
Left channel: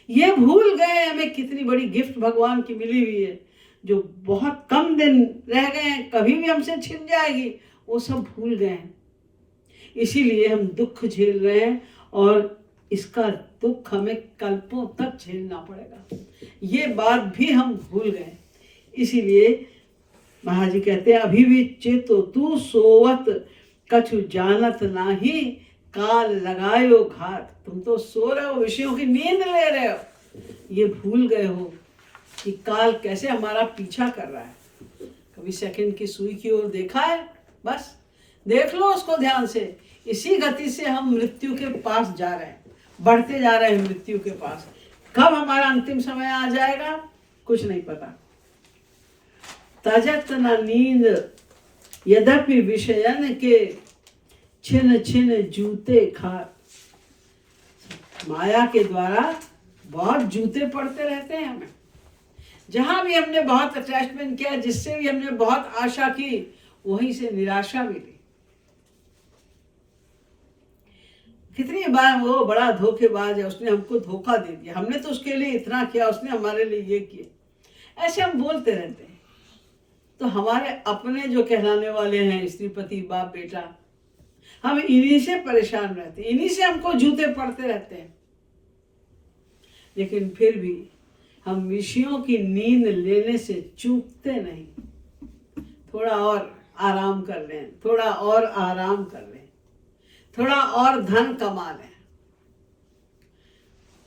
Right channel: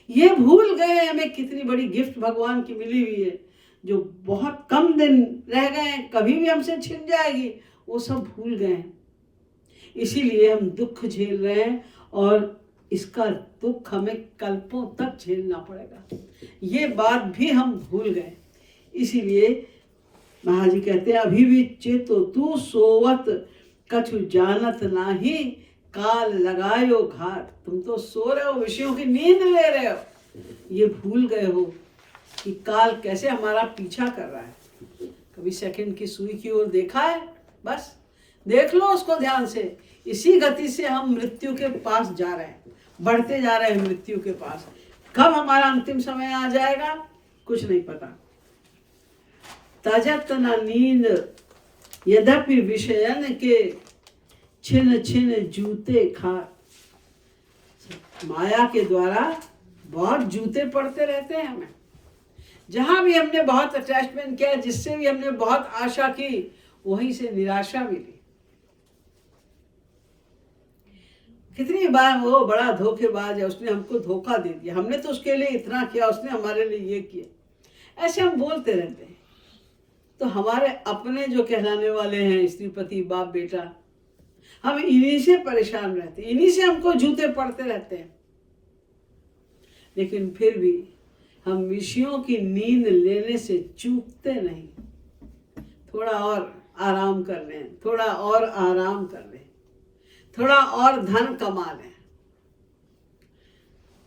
ये भूल गए हमें कितनी बड़ी गिफ्ट भगवान की मिली हुई है, जो बहुत कम दिन रह गए हैं, कभी भी हमसे छिन जाएगी, वो सब भूल गए हैं। इसीलिए हम दुख झेल रहे हैं, और इसका दुख हमें कल्पों तक झेलना पड़ेगा। ये बात भी हम भूल गए। इसीलिए महाराज जी कहते हैं, अभी भी चेतो तू सोवत कछु जानत नाही, काल लगायो घात। तुम तो सो रहे हो, विषयों की नींद ले रहे हो, ये भूल गए हो कि काल कैसे हमारा पीछा कर रहा है। कभी सेकंड की सुई की ओर देखा है? बस देख लो उसको ध्यान से। इसी गति से हम मृत्यु के पास जा रहे हैं, बढ़ते जा रहे हैं मृत्यु के पास। कब हमारा अंतिम समय आ जाएगा कुछ नहीं पता। तजत न नींद यद्यपि विषयन के छिन छिन जूते खात। माया के द्वारा बहुत जूते पड़ते रहते हैं हमें। जहां भी हमने बहुत अटैचमेंट किया, जिससे भी हमने बहुत आशा की, वहीं से निराशा मिली। कितनी बार वो बड़ा धोखेबाज है, उसने हमको धोखा दे दिया, हमने तो उसके लिए इतना किया, उसने हमारे लिए ये किया, ऐसे हम बोलते रहते हैं। तो हमारे अपने जो कहलाने वाले हैं स्त्री पति बाप बेटा, हम इन्हीं से परेशान रहते हैं, इन्हीं से हमको जूते पड़ते रहते हैं। लेकिन फिर भी हम विषयों की नींद लेने से चूकते नहीं। थोड़ा और आराम कर लें, थोड़ा और आराम कर लें, थोड़ा और धन कमा लें।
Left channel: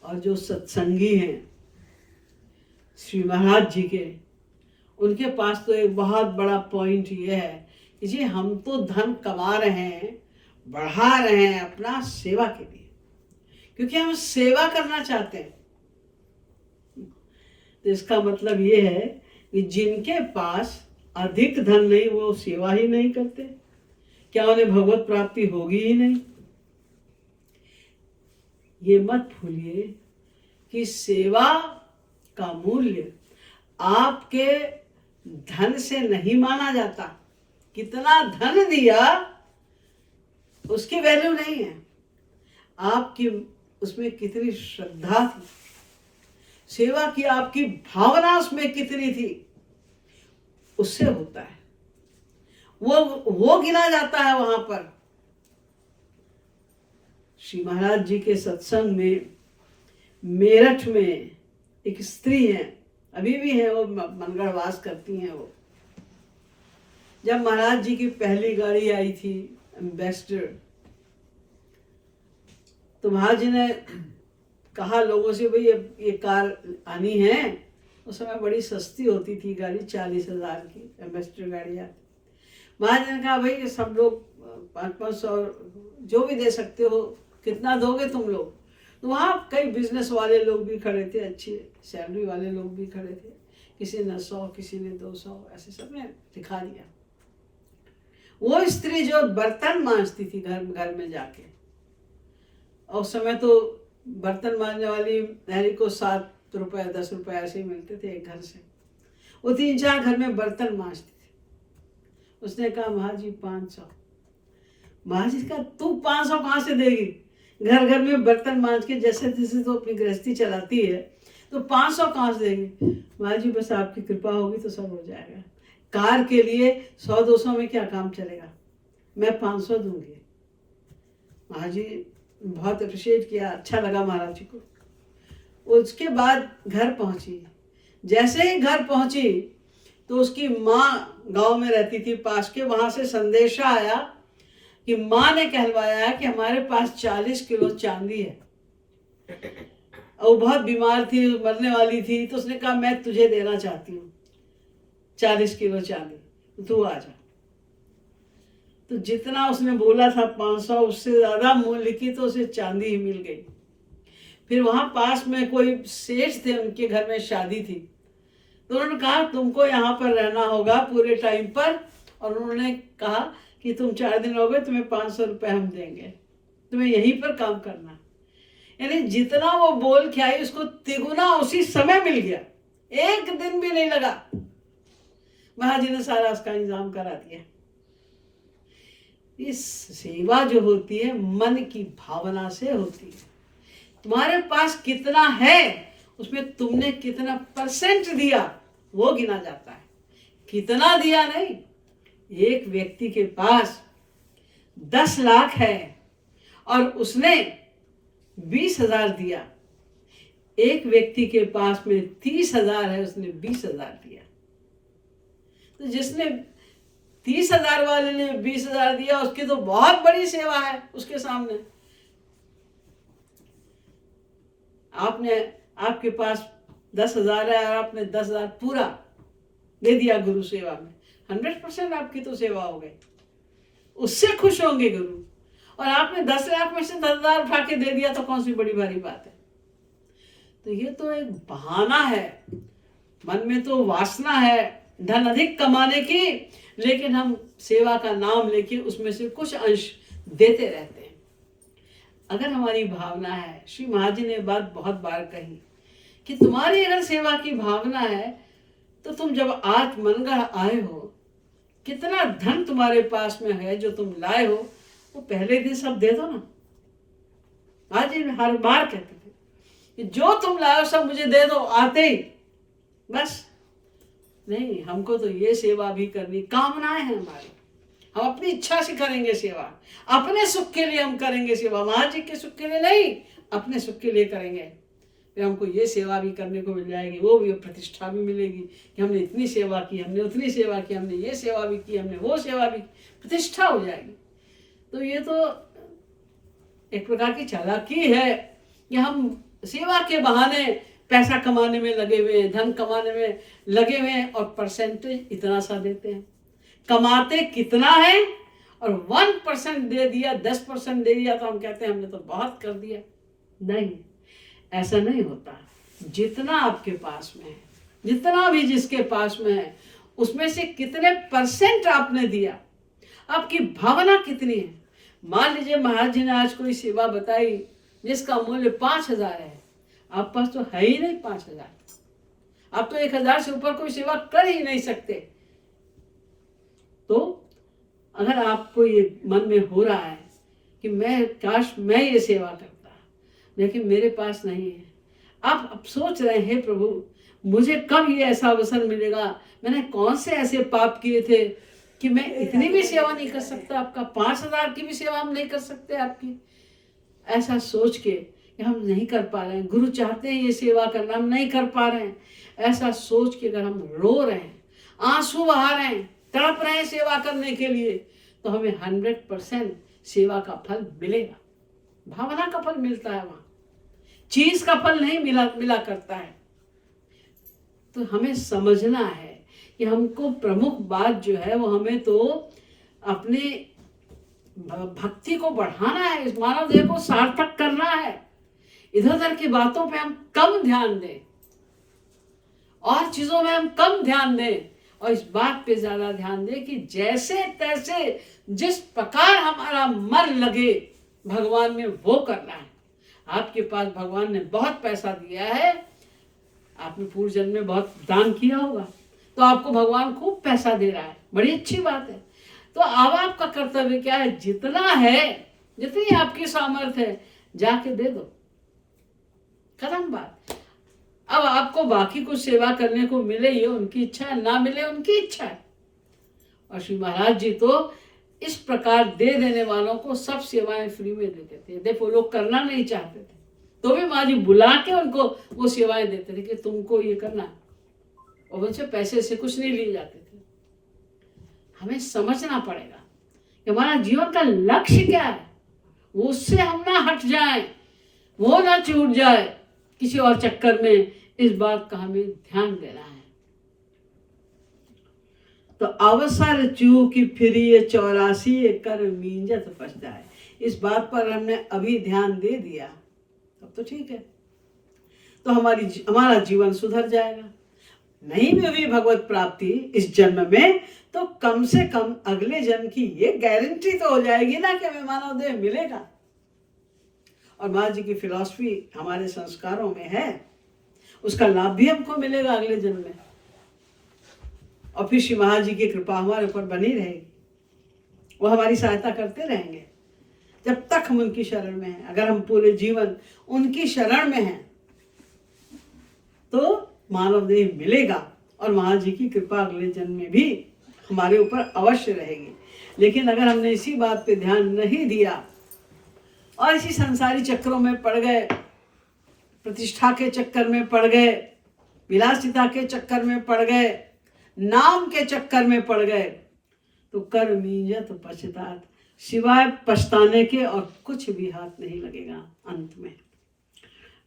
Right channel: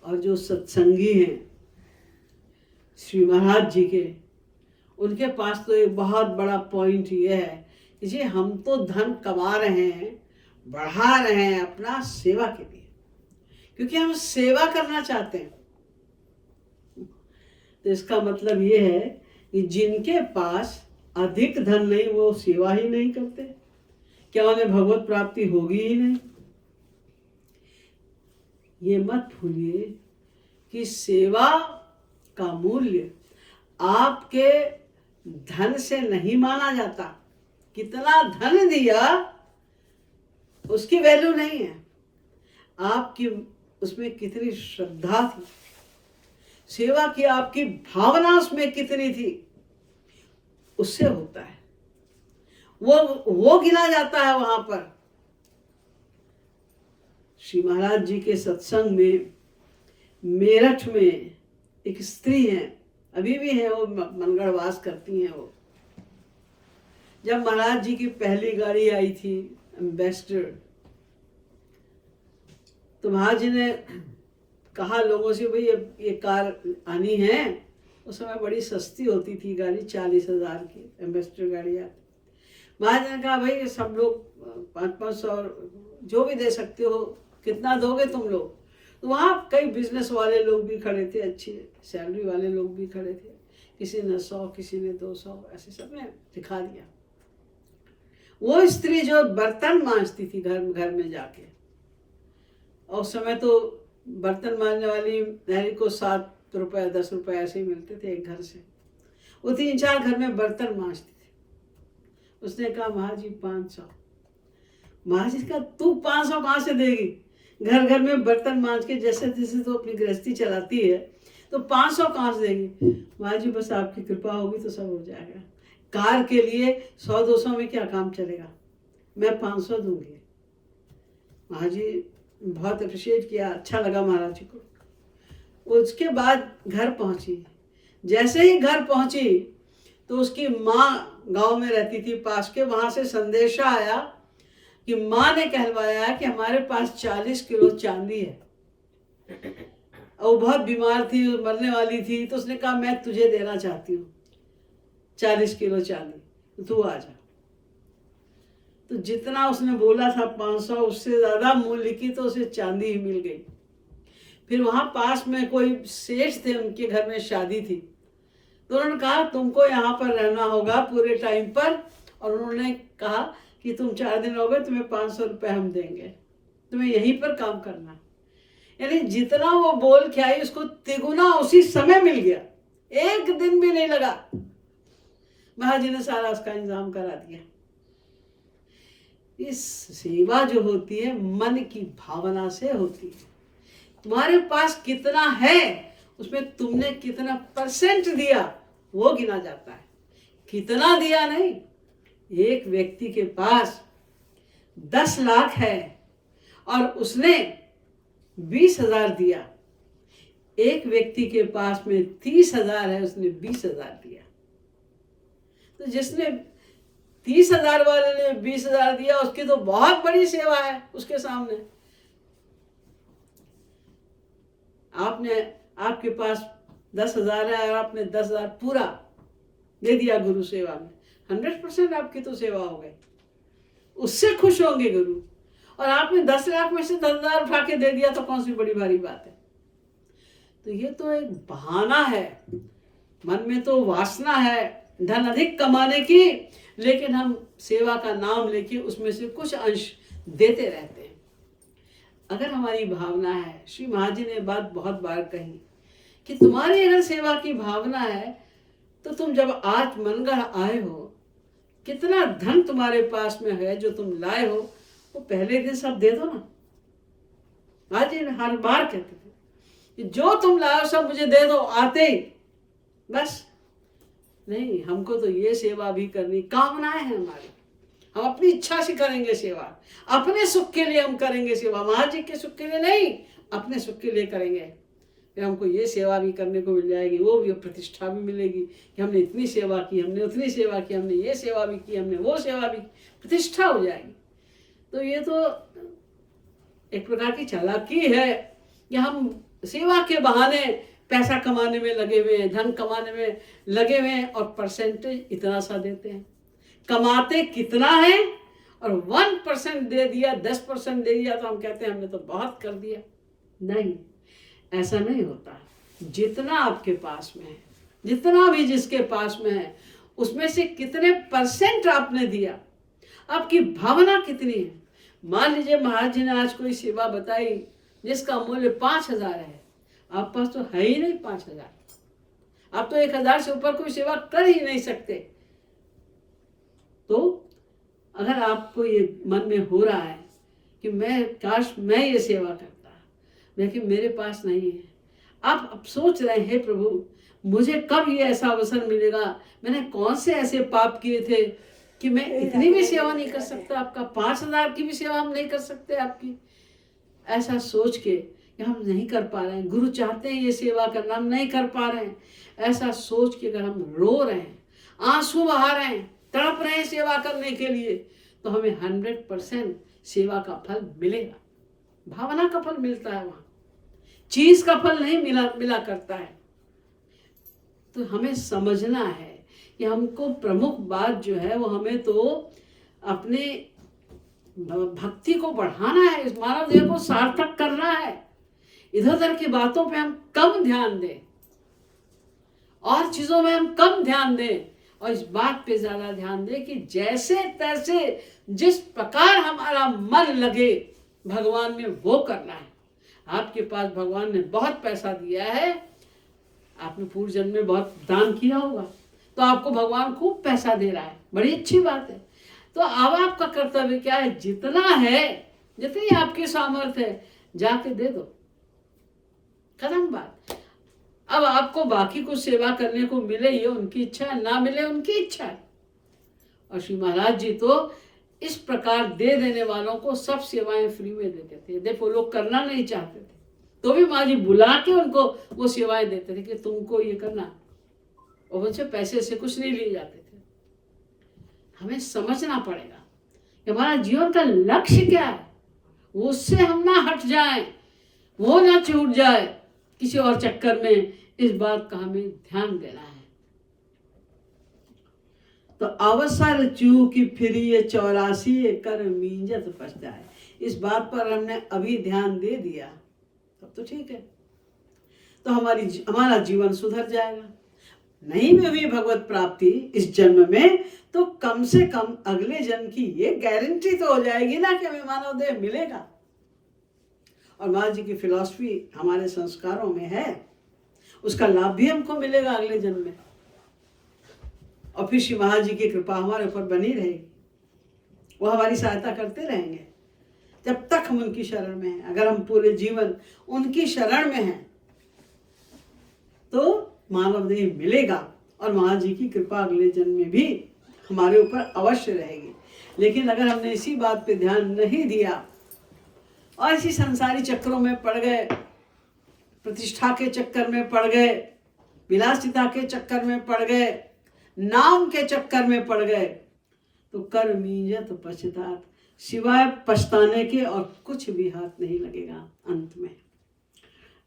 और जो सत्संगी हैं श्री महाराज जी के, उनके पास तो एक बहुत बड़ा पॉइंट ये है कि जी हम तो धन कमा रहे हैं, बढ़ा रहे हैं अपना सेवा के लिए, क्योंकि हम सेवा करना चाहते हैं। तो इसका मतलब ये है कि जिनके पास अधिक धन नहीं, वो सेवा ही नहीं करते, क्या उन्हें भगवत प्राप्ति होगी ही नहीं। ये मत भूलिए कि सेवा का मूल्य आपके धन से नहीं माना जाता। कितना धन दिया उसकी वैल्यू नहीं है, आपकी उसमें कितनी श्रद्धा थी, सेवा की आपकी भावना उसमें कितनी थी, उससे होता है। वो गिना जाता है वहां पर। श्री महाराज जी के सत्संग में मेरठ में एक स्त्री है, अभी भी है, वो मनगढ़वास करती हैं। वो जब महाराज जी की पहली गाड़ी आई थी एम्बेसडर, तो महाराज जी ने कहा लोगों से, भाई ये कार आनी है। उस समय बड़ी सस्ती होती थी गाड़ी, 40,000 की एम्बेसडर गाड़ी आती। महाराज ने कहा, भाई ये सब लोग 500 जो भी दे सकते हो, कितना दोगे तुम लोग। तो वहाँ कई बिजनेस वाले लोग भी खड़े थे, अच्छी सैलरी वाले लोग भी खड़े थे। किसी ने 100, किसी ने 200, ऐसे सब ने दिखा दिया। वो स्त्री जो बर्तन मांजती थी घर में जाके, और उस समय तो बर्तन मांजने वाली नहरी को 7 रुपए 10 रुपए ऐसे ही मिलते थे एक घर से। वो 3-4 घर में बर्तन मांजती थी। उसने कहा, महाराज जी 500। महाराज जी का तू 500 कहाँ से देगी? घर घर में बर्तन मांज के जैसे जैसे तो अपनी गृहस्थी चलाती है, तो 500 कहाँ से देगी? महाराज जी बस आपकी कृपा होगी तो सब हो जाएगा। कार के लिए 100-200 में क्या काम चलेगा, मैं 500 दूंगी। महाराज जी बहुत अप्रिशिएट किया, अच्छा लगा महाराज जी को। उसके बाद घर पहुंची। जैसे ही घर पहुंची तो उसकी माँ गांव में रहती थी पास के, वहां से संदेशा आया कि माँ ने कहलवाया कि हमारे पास 40 किलो चांदी है। और वो बहुत बीमार थी, मरने वाली थी, तो उसने कहा मैं तुझे देना चाहती हूँ 40 किलो चांदी, तो तू आ जा। तो जितना उसने बोला था 500, उससे ज्यादा मूल्य की तो उसे चांदी ही मिल गई। फिर वहां पास में कोई सेठ थे, उनके घर में शादी थी, तो उन्होंने कहा तुमको यहाँ पर रहना होगा पूरे टाइम पर। और उन्होंने कहा कि तुम 4 दिन रहोगे, तुम्हें 500 रुपये हम देंगे, तुम्हें यहीं पर काम करना है। यानी जितना वो बोल के आई, उसको तिगुना उसी समय मिल गया, एक दिन भी नहीं लगा। महाराज जी ने सारा उसका इंतजाम करा दिया। इस सेवा जो होती है मन की भावना से होती है। तुम्हारे पास कितना है, उसमें तुमने कितना % दिया, वो गिना जाता है, कितना दिया नहीं। एक व्यक्ति के पास 10 लाख है और उसने 20,000 दिया। एक व्यक्ति के पास में 30,000 है, उसने 20,000 दिया। तो जिसने 30,000 वाले ने 20,000 दिया, उसकी तो बहुत बड़ी सेवा है उसके सामने। आपके पास 10,000 है और आपने 10,000 पूरा दे दिया गुरु सेवा में, 100% आपकी तो सेवा हो गई, उससे खुश होंगे गुरु। और आपने 10 लाख में से 10,000 उठा के दे दिया, तो कौन सी बड़ी भारी बात है। तो ये तो एक बहाना है, मन में तो वासना है धन अधिक कमाने की, लेकिन हम सेवा का नाम लेके उसमें से कुछ अंश देते रहते हैं। अगर हमारी भावना है, श्री महाराज जी ने बात बहुत बार कही कि तुम्हारी अगर सेवा की भावना है तो तुम जब आज मनगढ़ आए हो, कितना धन तुम्हारे पास में है जो तुम लाए हो, वो पहले दिन सब दे दो ना। महाराज जी हर बार कहते थे कि जो तुम लाए हो सब मुझे दे दो आते ही, बस। नहीं, हमको तो ये सेवा भी करनी, कामनाएं हैं हमारी, हम अपनी इच्छा से करेंगे सेवा, अपने सुख के लिए हम करेंगे सेवा, महाराज जी के सुख के लिए नहीं, अपने सुख के लिए करेंगे। फिर हमको ये सेवा भी करने को मिल जाएगी, वो भी प्रतिष्ठा भी मिलेगी कि हमने इतनी सेवा की, हमने उतनी सेवा की, हमने ये सेवा भी की, हमने वो सेवा भी की, प्रतिष्ठा हो जाएगी। तो ये तो एक प्रकार की चालाकी है कि हम सेवा के बहाने पैसा कमाने में लगे हुए हैं, धन कमाने में लगे हुए हैं, और परसेंटेज इतना सा देते हैं। कमाते कितना है और 1% दे दिया, 10% दे दिया तो हम कहते हैं हमने तो बहुत कर दिया। नहीं, ऐसा नहीं होता। जितना आपके पास में है, जितना भी जिसके पास में है, उसमें से कितने परसेंट आपने दिया, आपकी भावना कितनी है। मान लीजिए महाराज जी ने आज कोई सेवा बताई जिसका मूल्य 5,000 है, आप पास तो है ही नहीं 5,000, आप तो 1,000 से ऊपर कोई सेवा कर ही नहीं सकते। तो अगर आपको ये मन में हो रहा है कि मैं काश मैं ये सेवा करता, लेकिन मेरे पास नहीं है, आप अब सोच रहे हैं, हे प्रभु मुझे कब ये ऐसा अवसर मिलेगा, मैंने कौन से ऐसे पाप किए थे कि मैं इतनी भी सेवा नहीं कर सकता आपका, 5,000 की भी सेवा हम नहीं कर सकते आपकी। ऐसा सोच के कि हम नहीं कर पा रहे हैं, गुरु चाहते हैं ये सेवा करना, हम नहीं कर पा रहे हैं, ऐसा सोच के अगर हम रो रहे हैं, आंसू बहा रहे हैं, तड़प रहे हैं सेवा करने के लिए, तो हमें 100% सेवा का फल मिलेगा। भावना का फल मिलता है, वहां चीज का फल नहीं मिला करता है। तो हमें समझना है कि हमको प्रमुख बात जो है वो हमें तो अपने भक्ति को बढ़ाना है, इस मानव देह को सार्थक करना है। इधर उधर की बातों पे हम कम ध्यान दें और चीजों में हम कम ध्यान दें, और इस बात पे ज्यादा ध्यान दें कि जैसे तैसे जिस प्रकार हमारा मन लगे भगवान में वो करना है। आपके पास भगवान ने बहुत पैसा दिया है, आपने पूर्व जन्म में बहुत दान किया होगा, तो आपको भगवान खूब पैसा दे रहा है, बड़ी अच्छी बात है। तो अब आपका कर्तव्य क्या है, जितना है, जितनी आपकी सामर्थ्य है, जाके दे दो, खत्म बात। अब आपको बाकी कुछ सेवा करने को मिले ये उनकी इच्छा है, ना मिले उनकी इच्छा है। और श्री महाराज जी तो इस प्रकार दे देने वालों को सब सेवाएं फ्री में देते थे। देखो लोग करना नहीं चाहते थे तो भी महाराज जी बुला के उनको वो सेवाएं देते थे कि तुमको ये करना, और उनसे पैसे से कुछ नहीं लिए जाते थे। हमें समझना पड़ेगा कि हमारा जीवन का लक्ष्य क्या है, उससे हम ना हट जाए, वो ना छूट जाए किसी और चक्कर में। इस बात का हमें ध्यान देना है। तो अवसर चूकी फिरिए 84 कर मींजत पछताए, इस बात पर हमने अभी ध्यान दे दिया तब तो ठीक है, तो हमारा जीवन सुधर जाएगा। नहीं भी हुई भगवत प्राप्ति इस जन्म में, तो कम से कम अगले जन्म की ये गारंटी तो हो जाएगी ना कि हमें मानव देह मिलेगा। और महाराज जी की फिलॉसफी हमारे संस्कारों में है, उसका लाभ भी हमको मिलेगा अगले जन्म में। और फिर श्री महाराज जी की कृपा हमारे ऊपर बनी रहेगी, वो हमारी सहायता करते रहेंगे जब तक हम उनकी शरण में हैं। अगर हम पूरे जीवन उनकी शरण में हैं तो मानव देह मिलेगा, और महाराज जी की कृपा अगले जन्म में भी हमारे ऊपर अवश्य रहेगी। लेकिन अगर हमने इसी बात पे ध्यान नहीं दिया और इसी संसारी चक्रों में पड़ गए, प्रतिष्ठा के चक्कर में पड़ गए, विलासिता के चक्कर में पड़ गए, नाम के चक्कर में पड़ गए, तो कर मींजत पछतात, सिवाय पछताने के और कुछ भी हाथ नहीं लगेगा अंत में।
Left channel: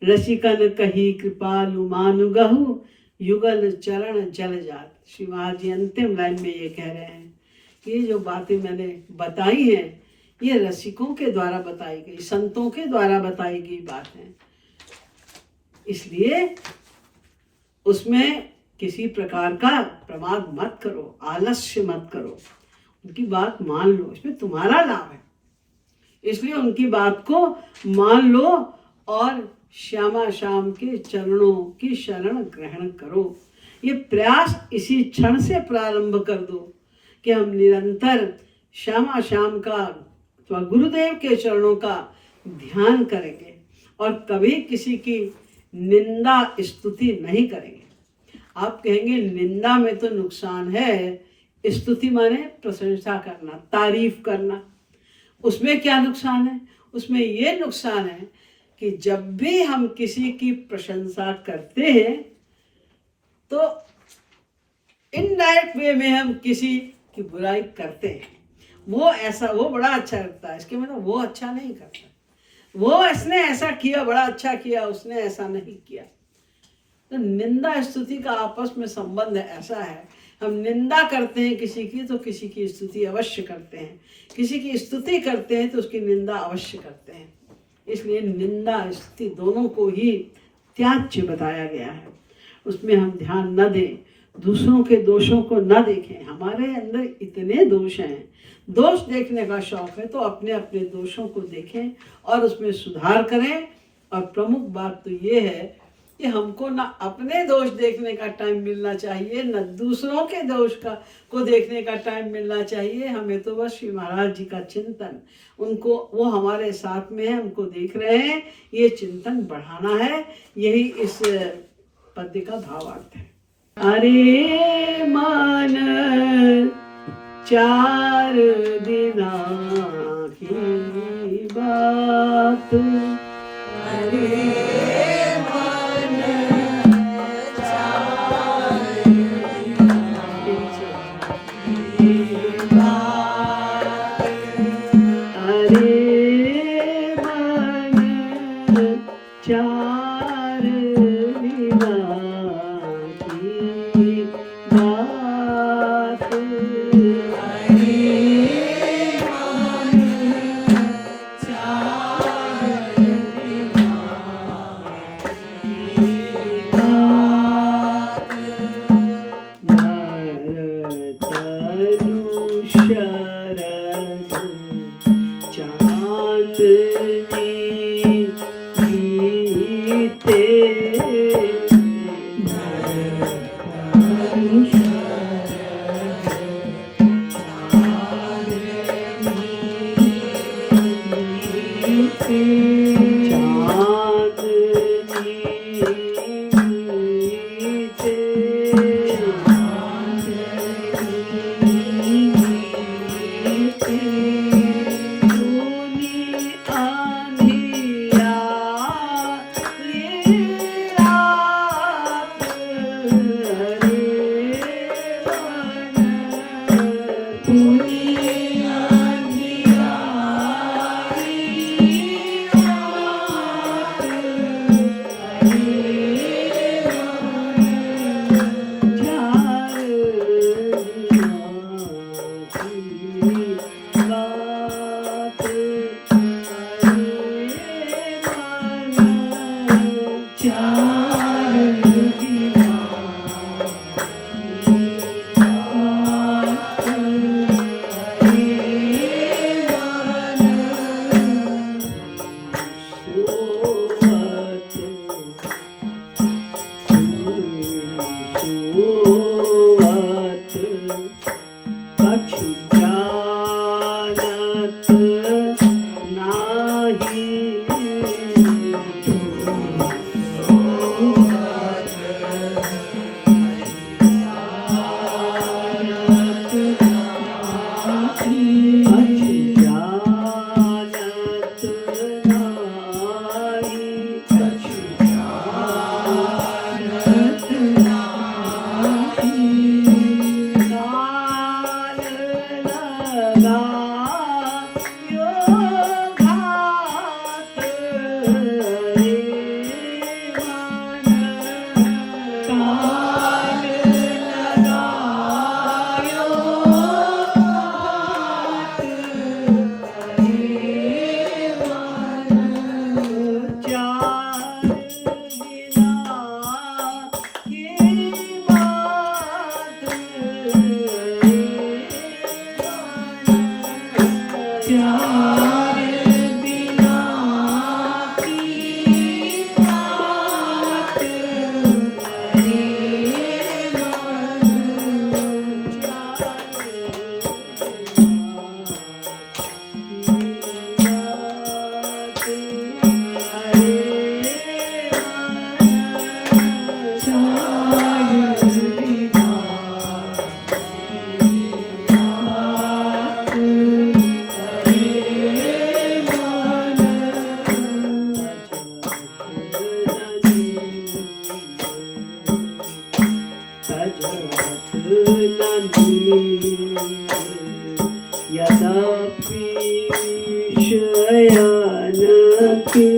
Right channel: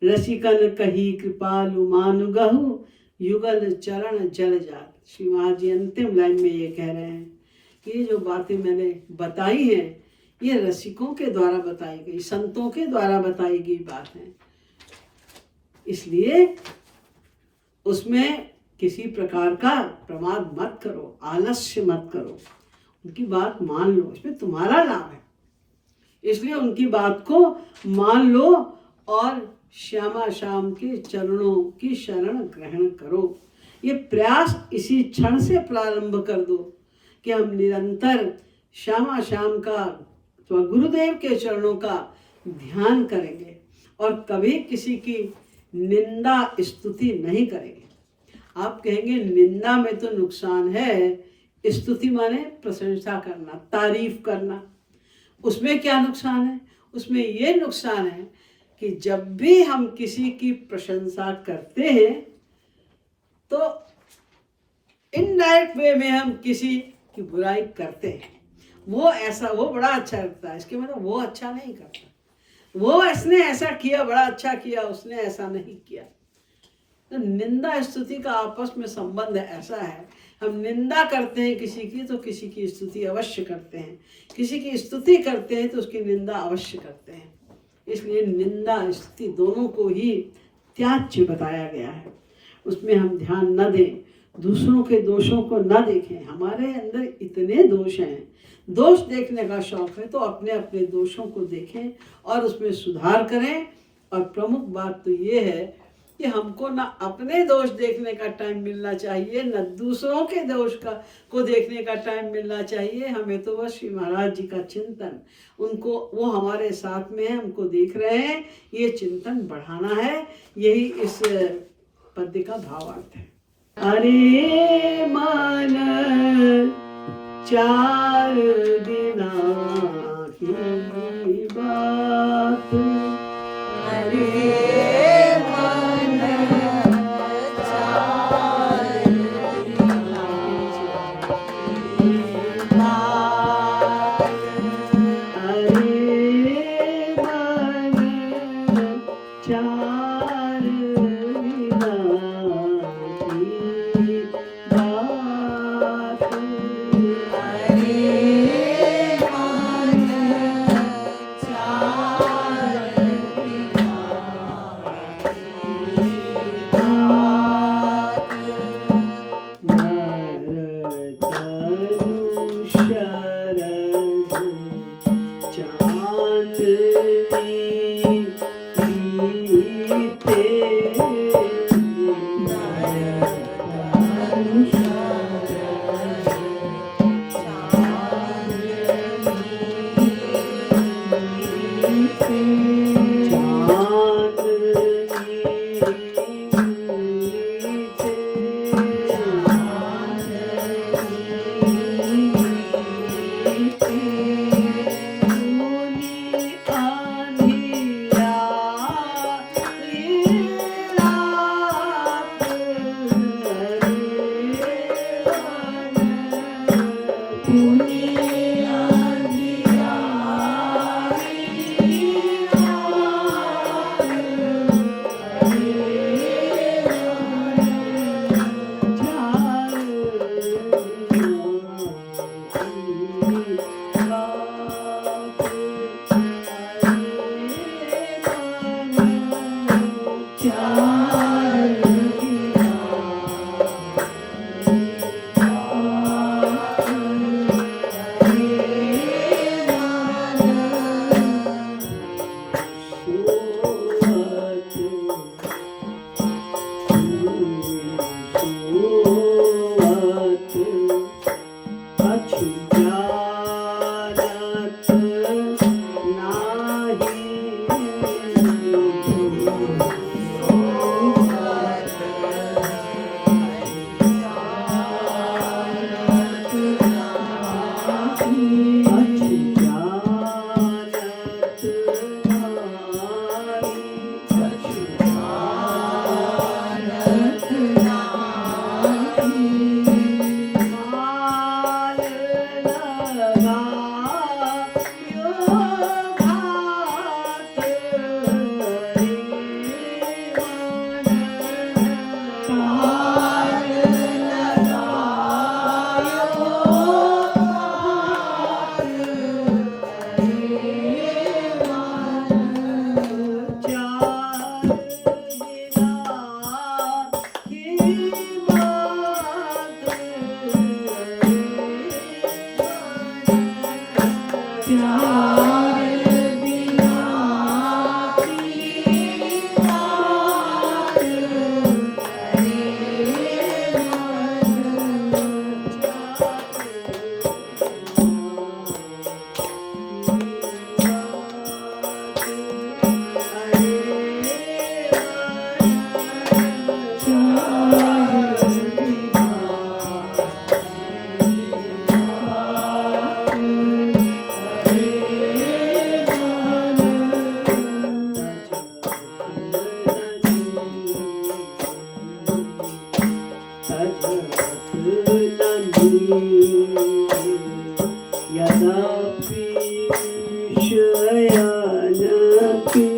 रसिकन कही कृपालु मानु गहु, युगल चरण जल जात। श्री महाराज जी अंतिम लाइन में ये कह रहे हैं कि ये जो बातें मैंने बताई हैं ये रसिकों के द्वारा बताई गई, संतों के द्वारा बताई गई बात है, इसलिए उसमें किसी प्रकार का प्रमाद मत करो, आलस्य मत करो, उनकी बात मान लो, इसमें तुम्हारा लाभ है। इसलिए उनकी बात को मान लो और श्यामा श्याम के चरणों की शरण ग्रहण करो। ये प्रयास इसी क्षण से प्रारंभ कर दो कि हम निरंतर श्यामा श्याम का अथवा गुरुदेव के चरणों का ध्यान करेंगे और कभी किसी की निंदा स्तुति नहीं करेंगे। आप कहेंगे निंदा में तो नुकसान है, स्तुति माने प्रशंसा करना, तारीफ करना, उसमें क्या नुकसान है? उसमें ये नुकसान है कि जब भी हम किसी की प्रशंसा करते हैं तो इनडायरेक्ट वे में हम किसी की बुराई करते हैं। वो बड़ा अच्छा करता है, इसके मतलब वो अच्छा नहीं करता, वो इसने ऐसा किया, बड़ा अच्छा किया, उसने ऐसा नहीं किया। तो निंदा स्तुति का आपस में संबंध ऐसा है, हम निंदा करते हैं किसी की तो किसी की स्तुति अवश्य करते हैं, किसी की स्तुति करते हैं तो उसकी निंदा अवश्य करते हैं। इसलिए निंदा स्तुति दोनों को ही त्याज्य बताया गया है। उसमें हम ध्यान न दें, दूसरों के दोषों को न देखें। हमारे अंदर इतने दोष हैं, दोष देखने का शौक है तो अपने अपने दोषों को देखें और उसमें सुधार करें। और प्रमुख बात तो ये है कि हमको ना अपने दोष देखने का टाइम मिलना चाहिए, न दूसरों के दोष को देखने का टाइम मिलना चाहिए। हमें तो बस श्री महाराज जी का चिंतन, उनको, वो हमारे साथ में है, हमको देख रहे हैं, ये चिंतन बढ़ाना है। यही इस पद्य का भावार्थ है। अरे मान 4 दिना की बात, अरे यदापि विषयानके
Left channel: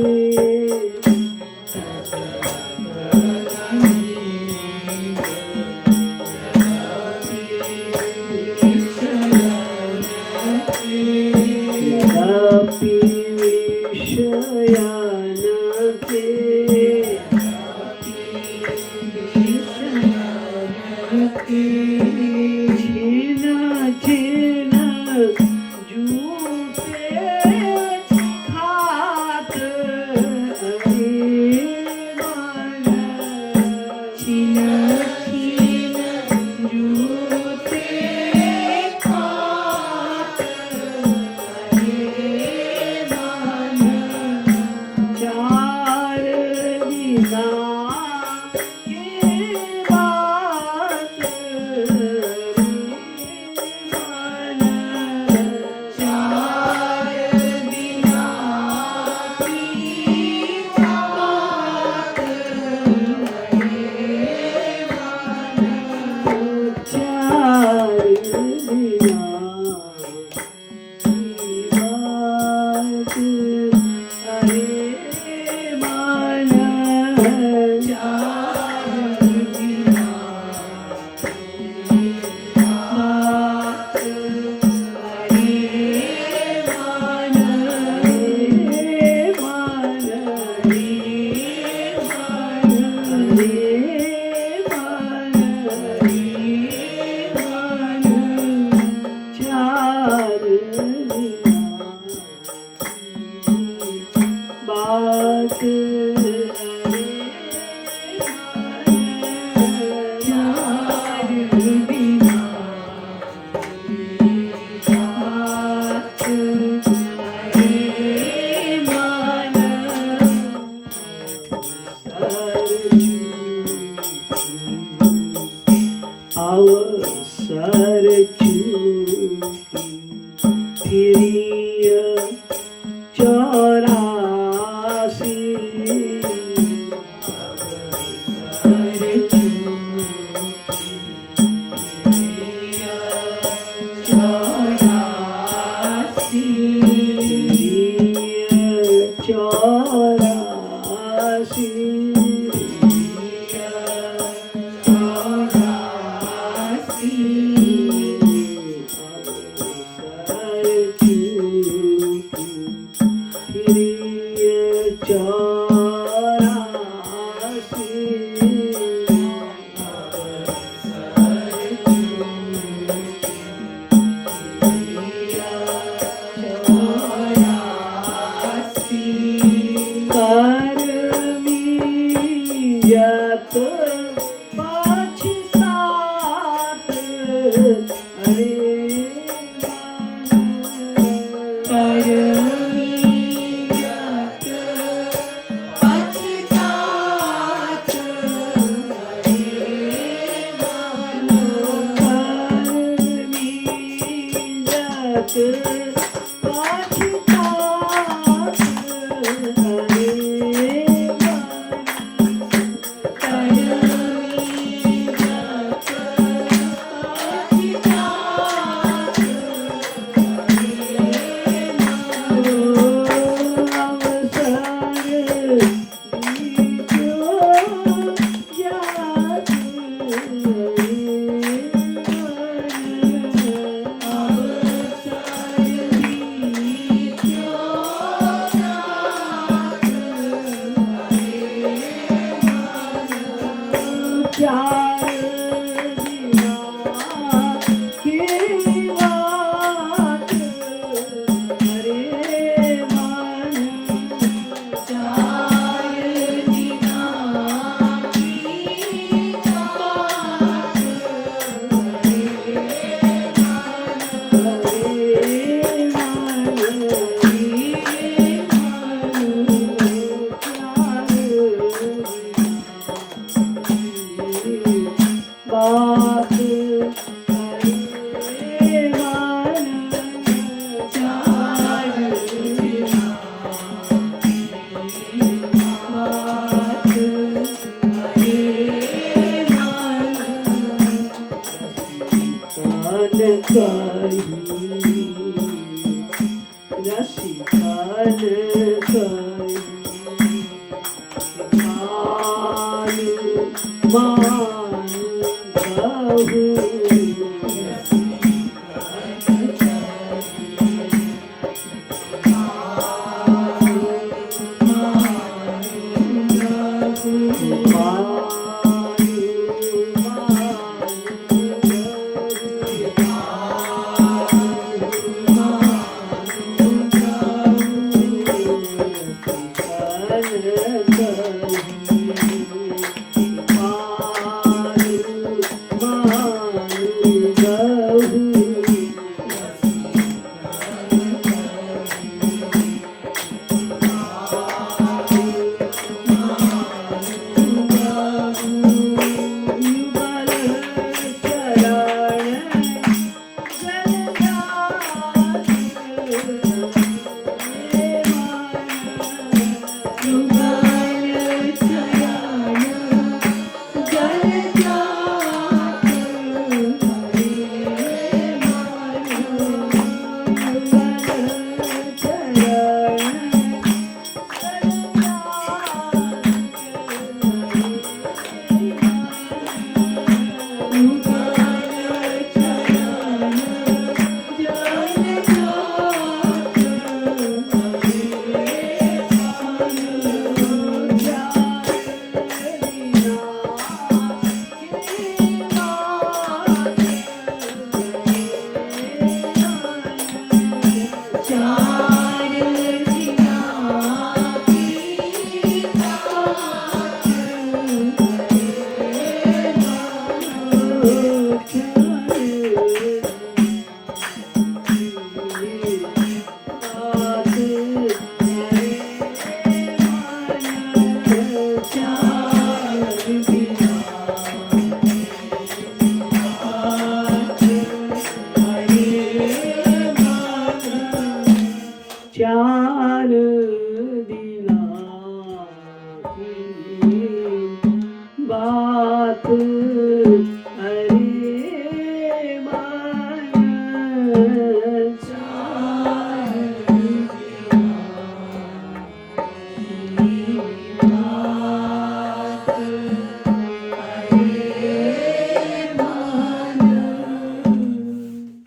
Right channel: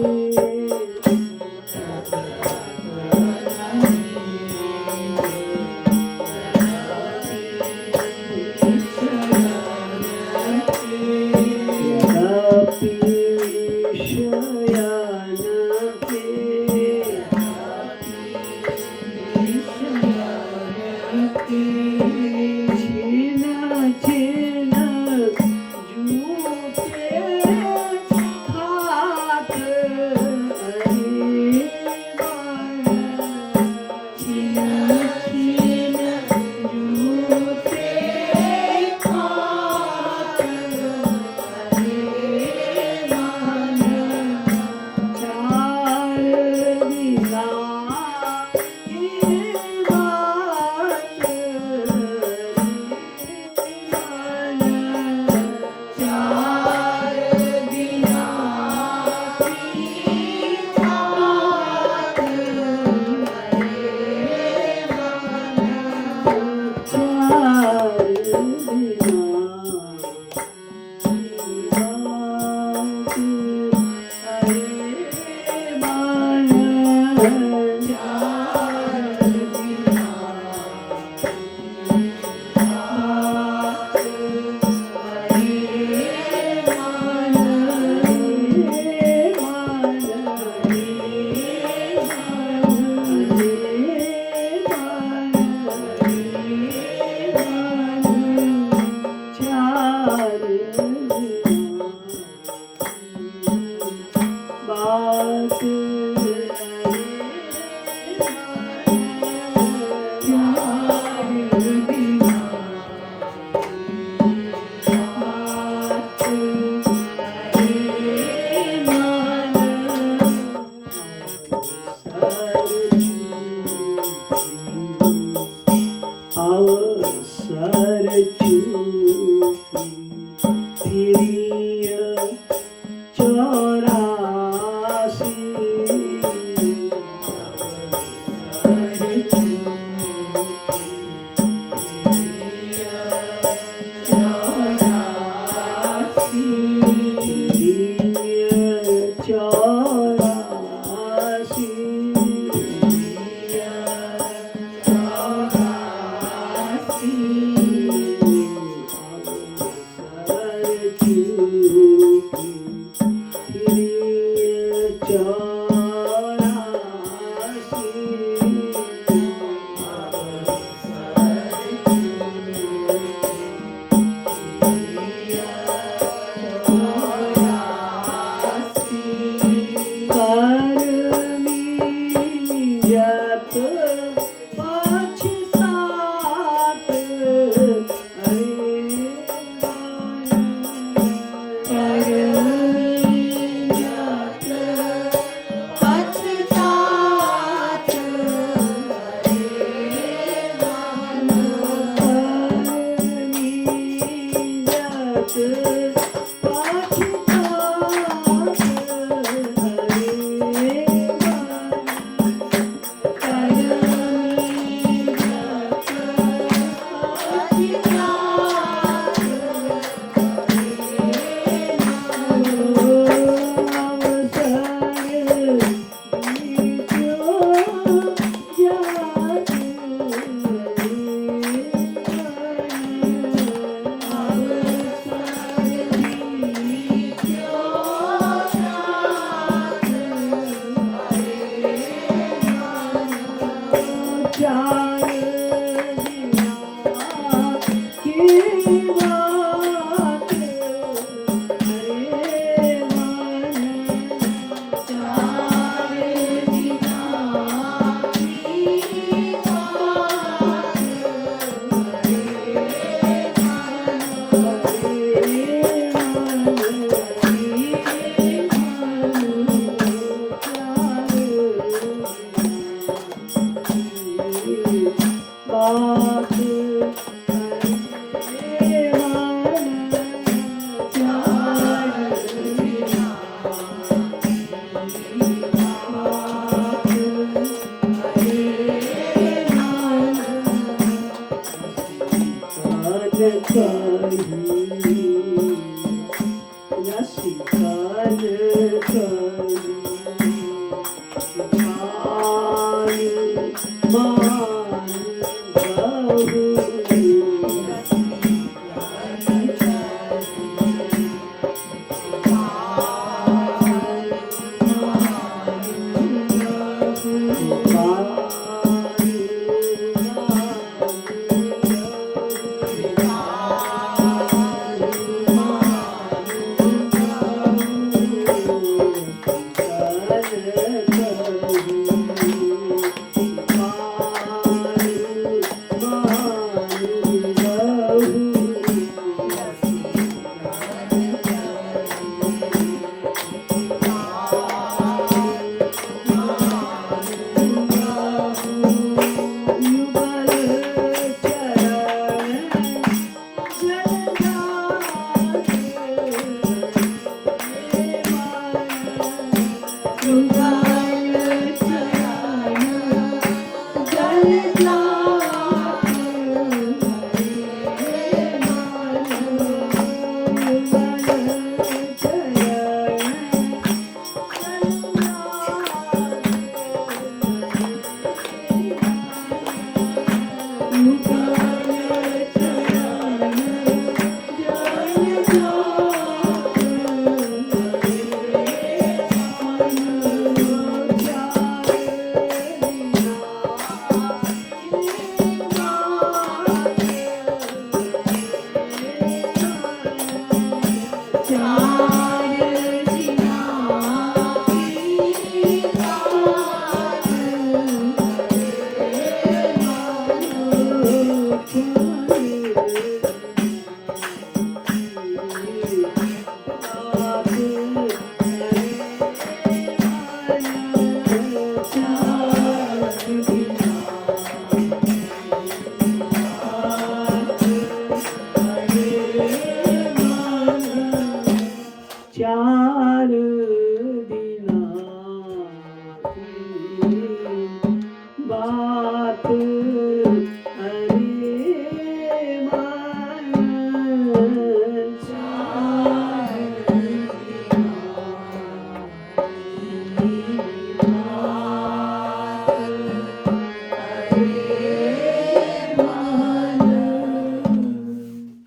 बात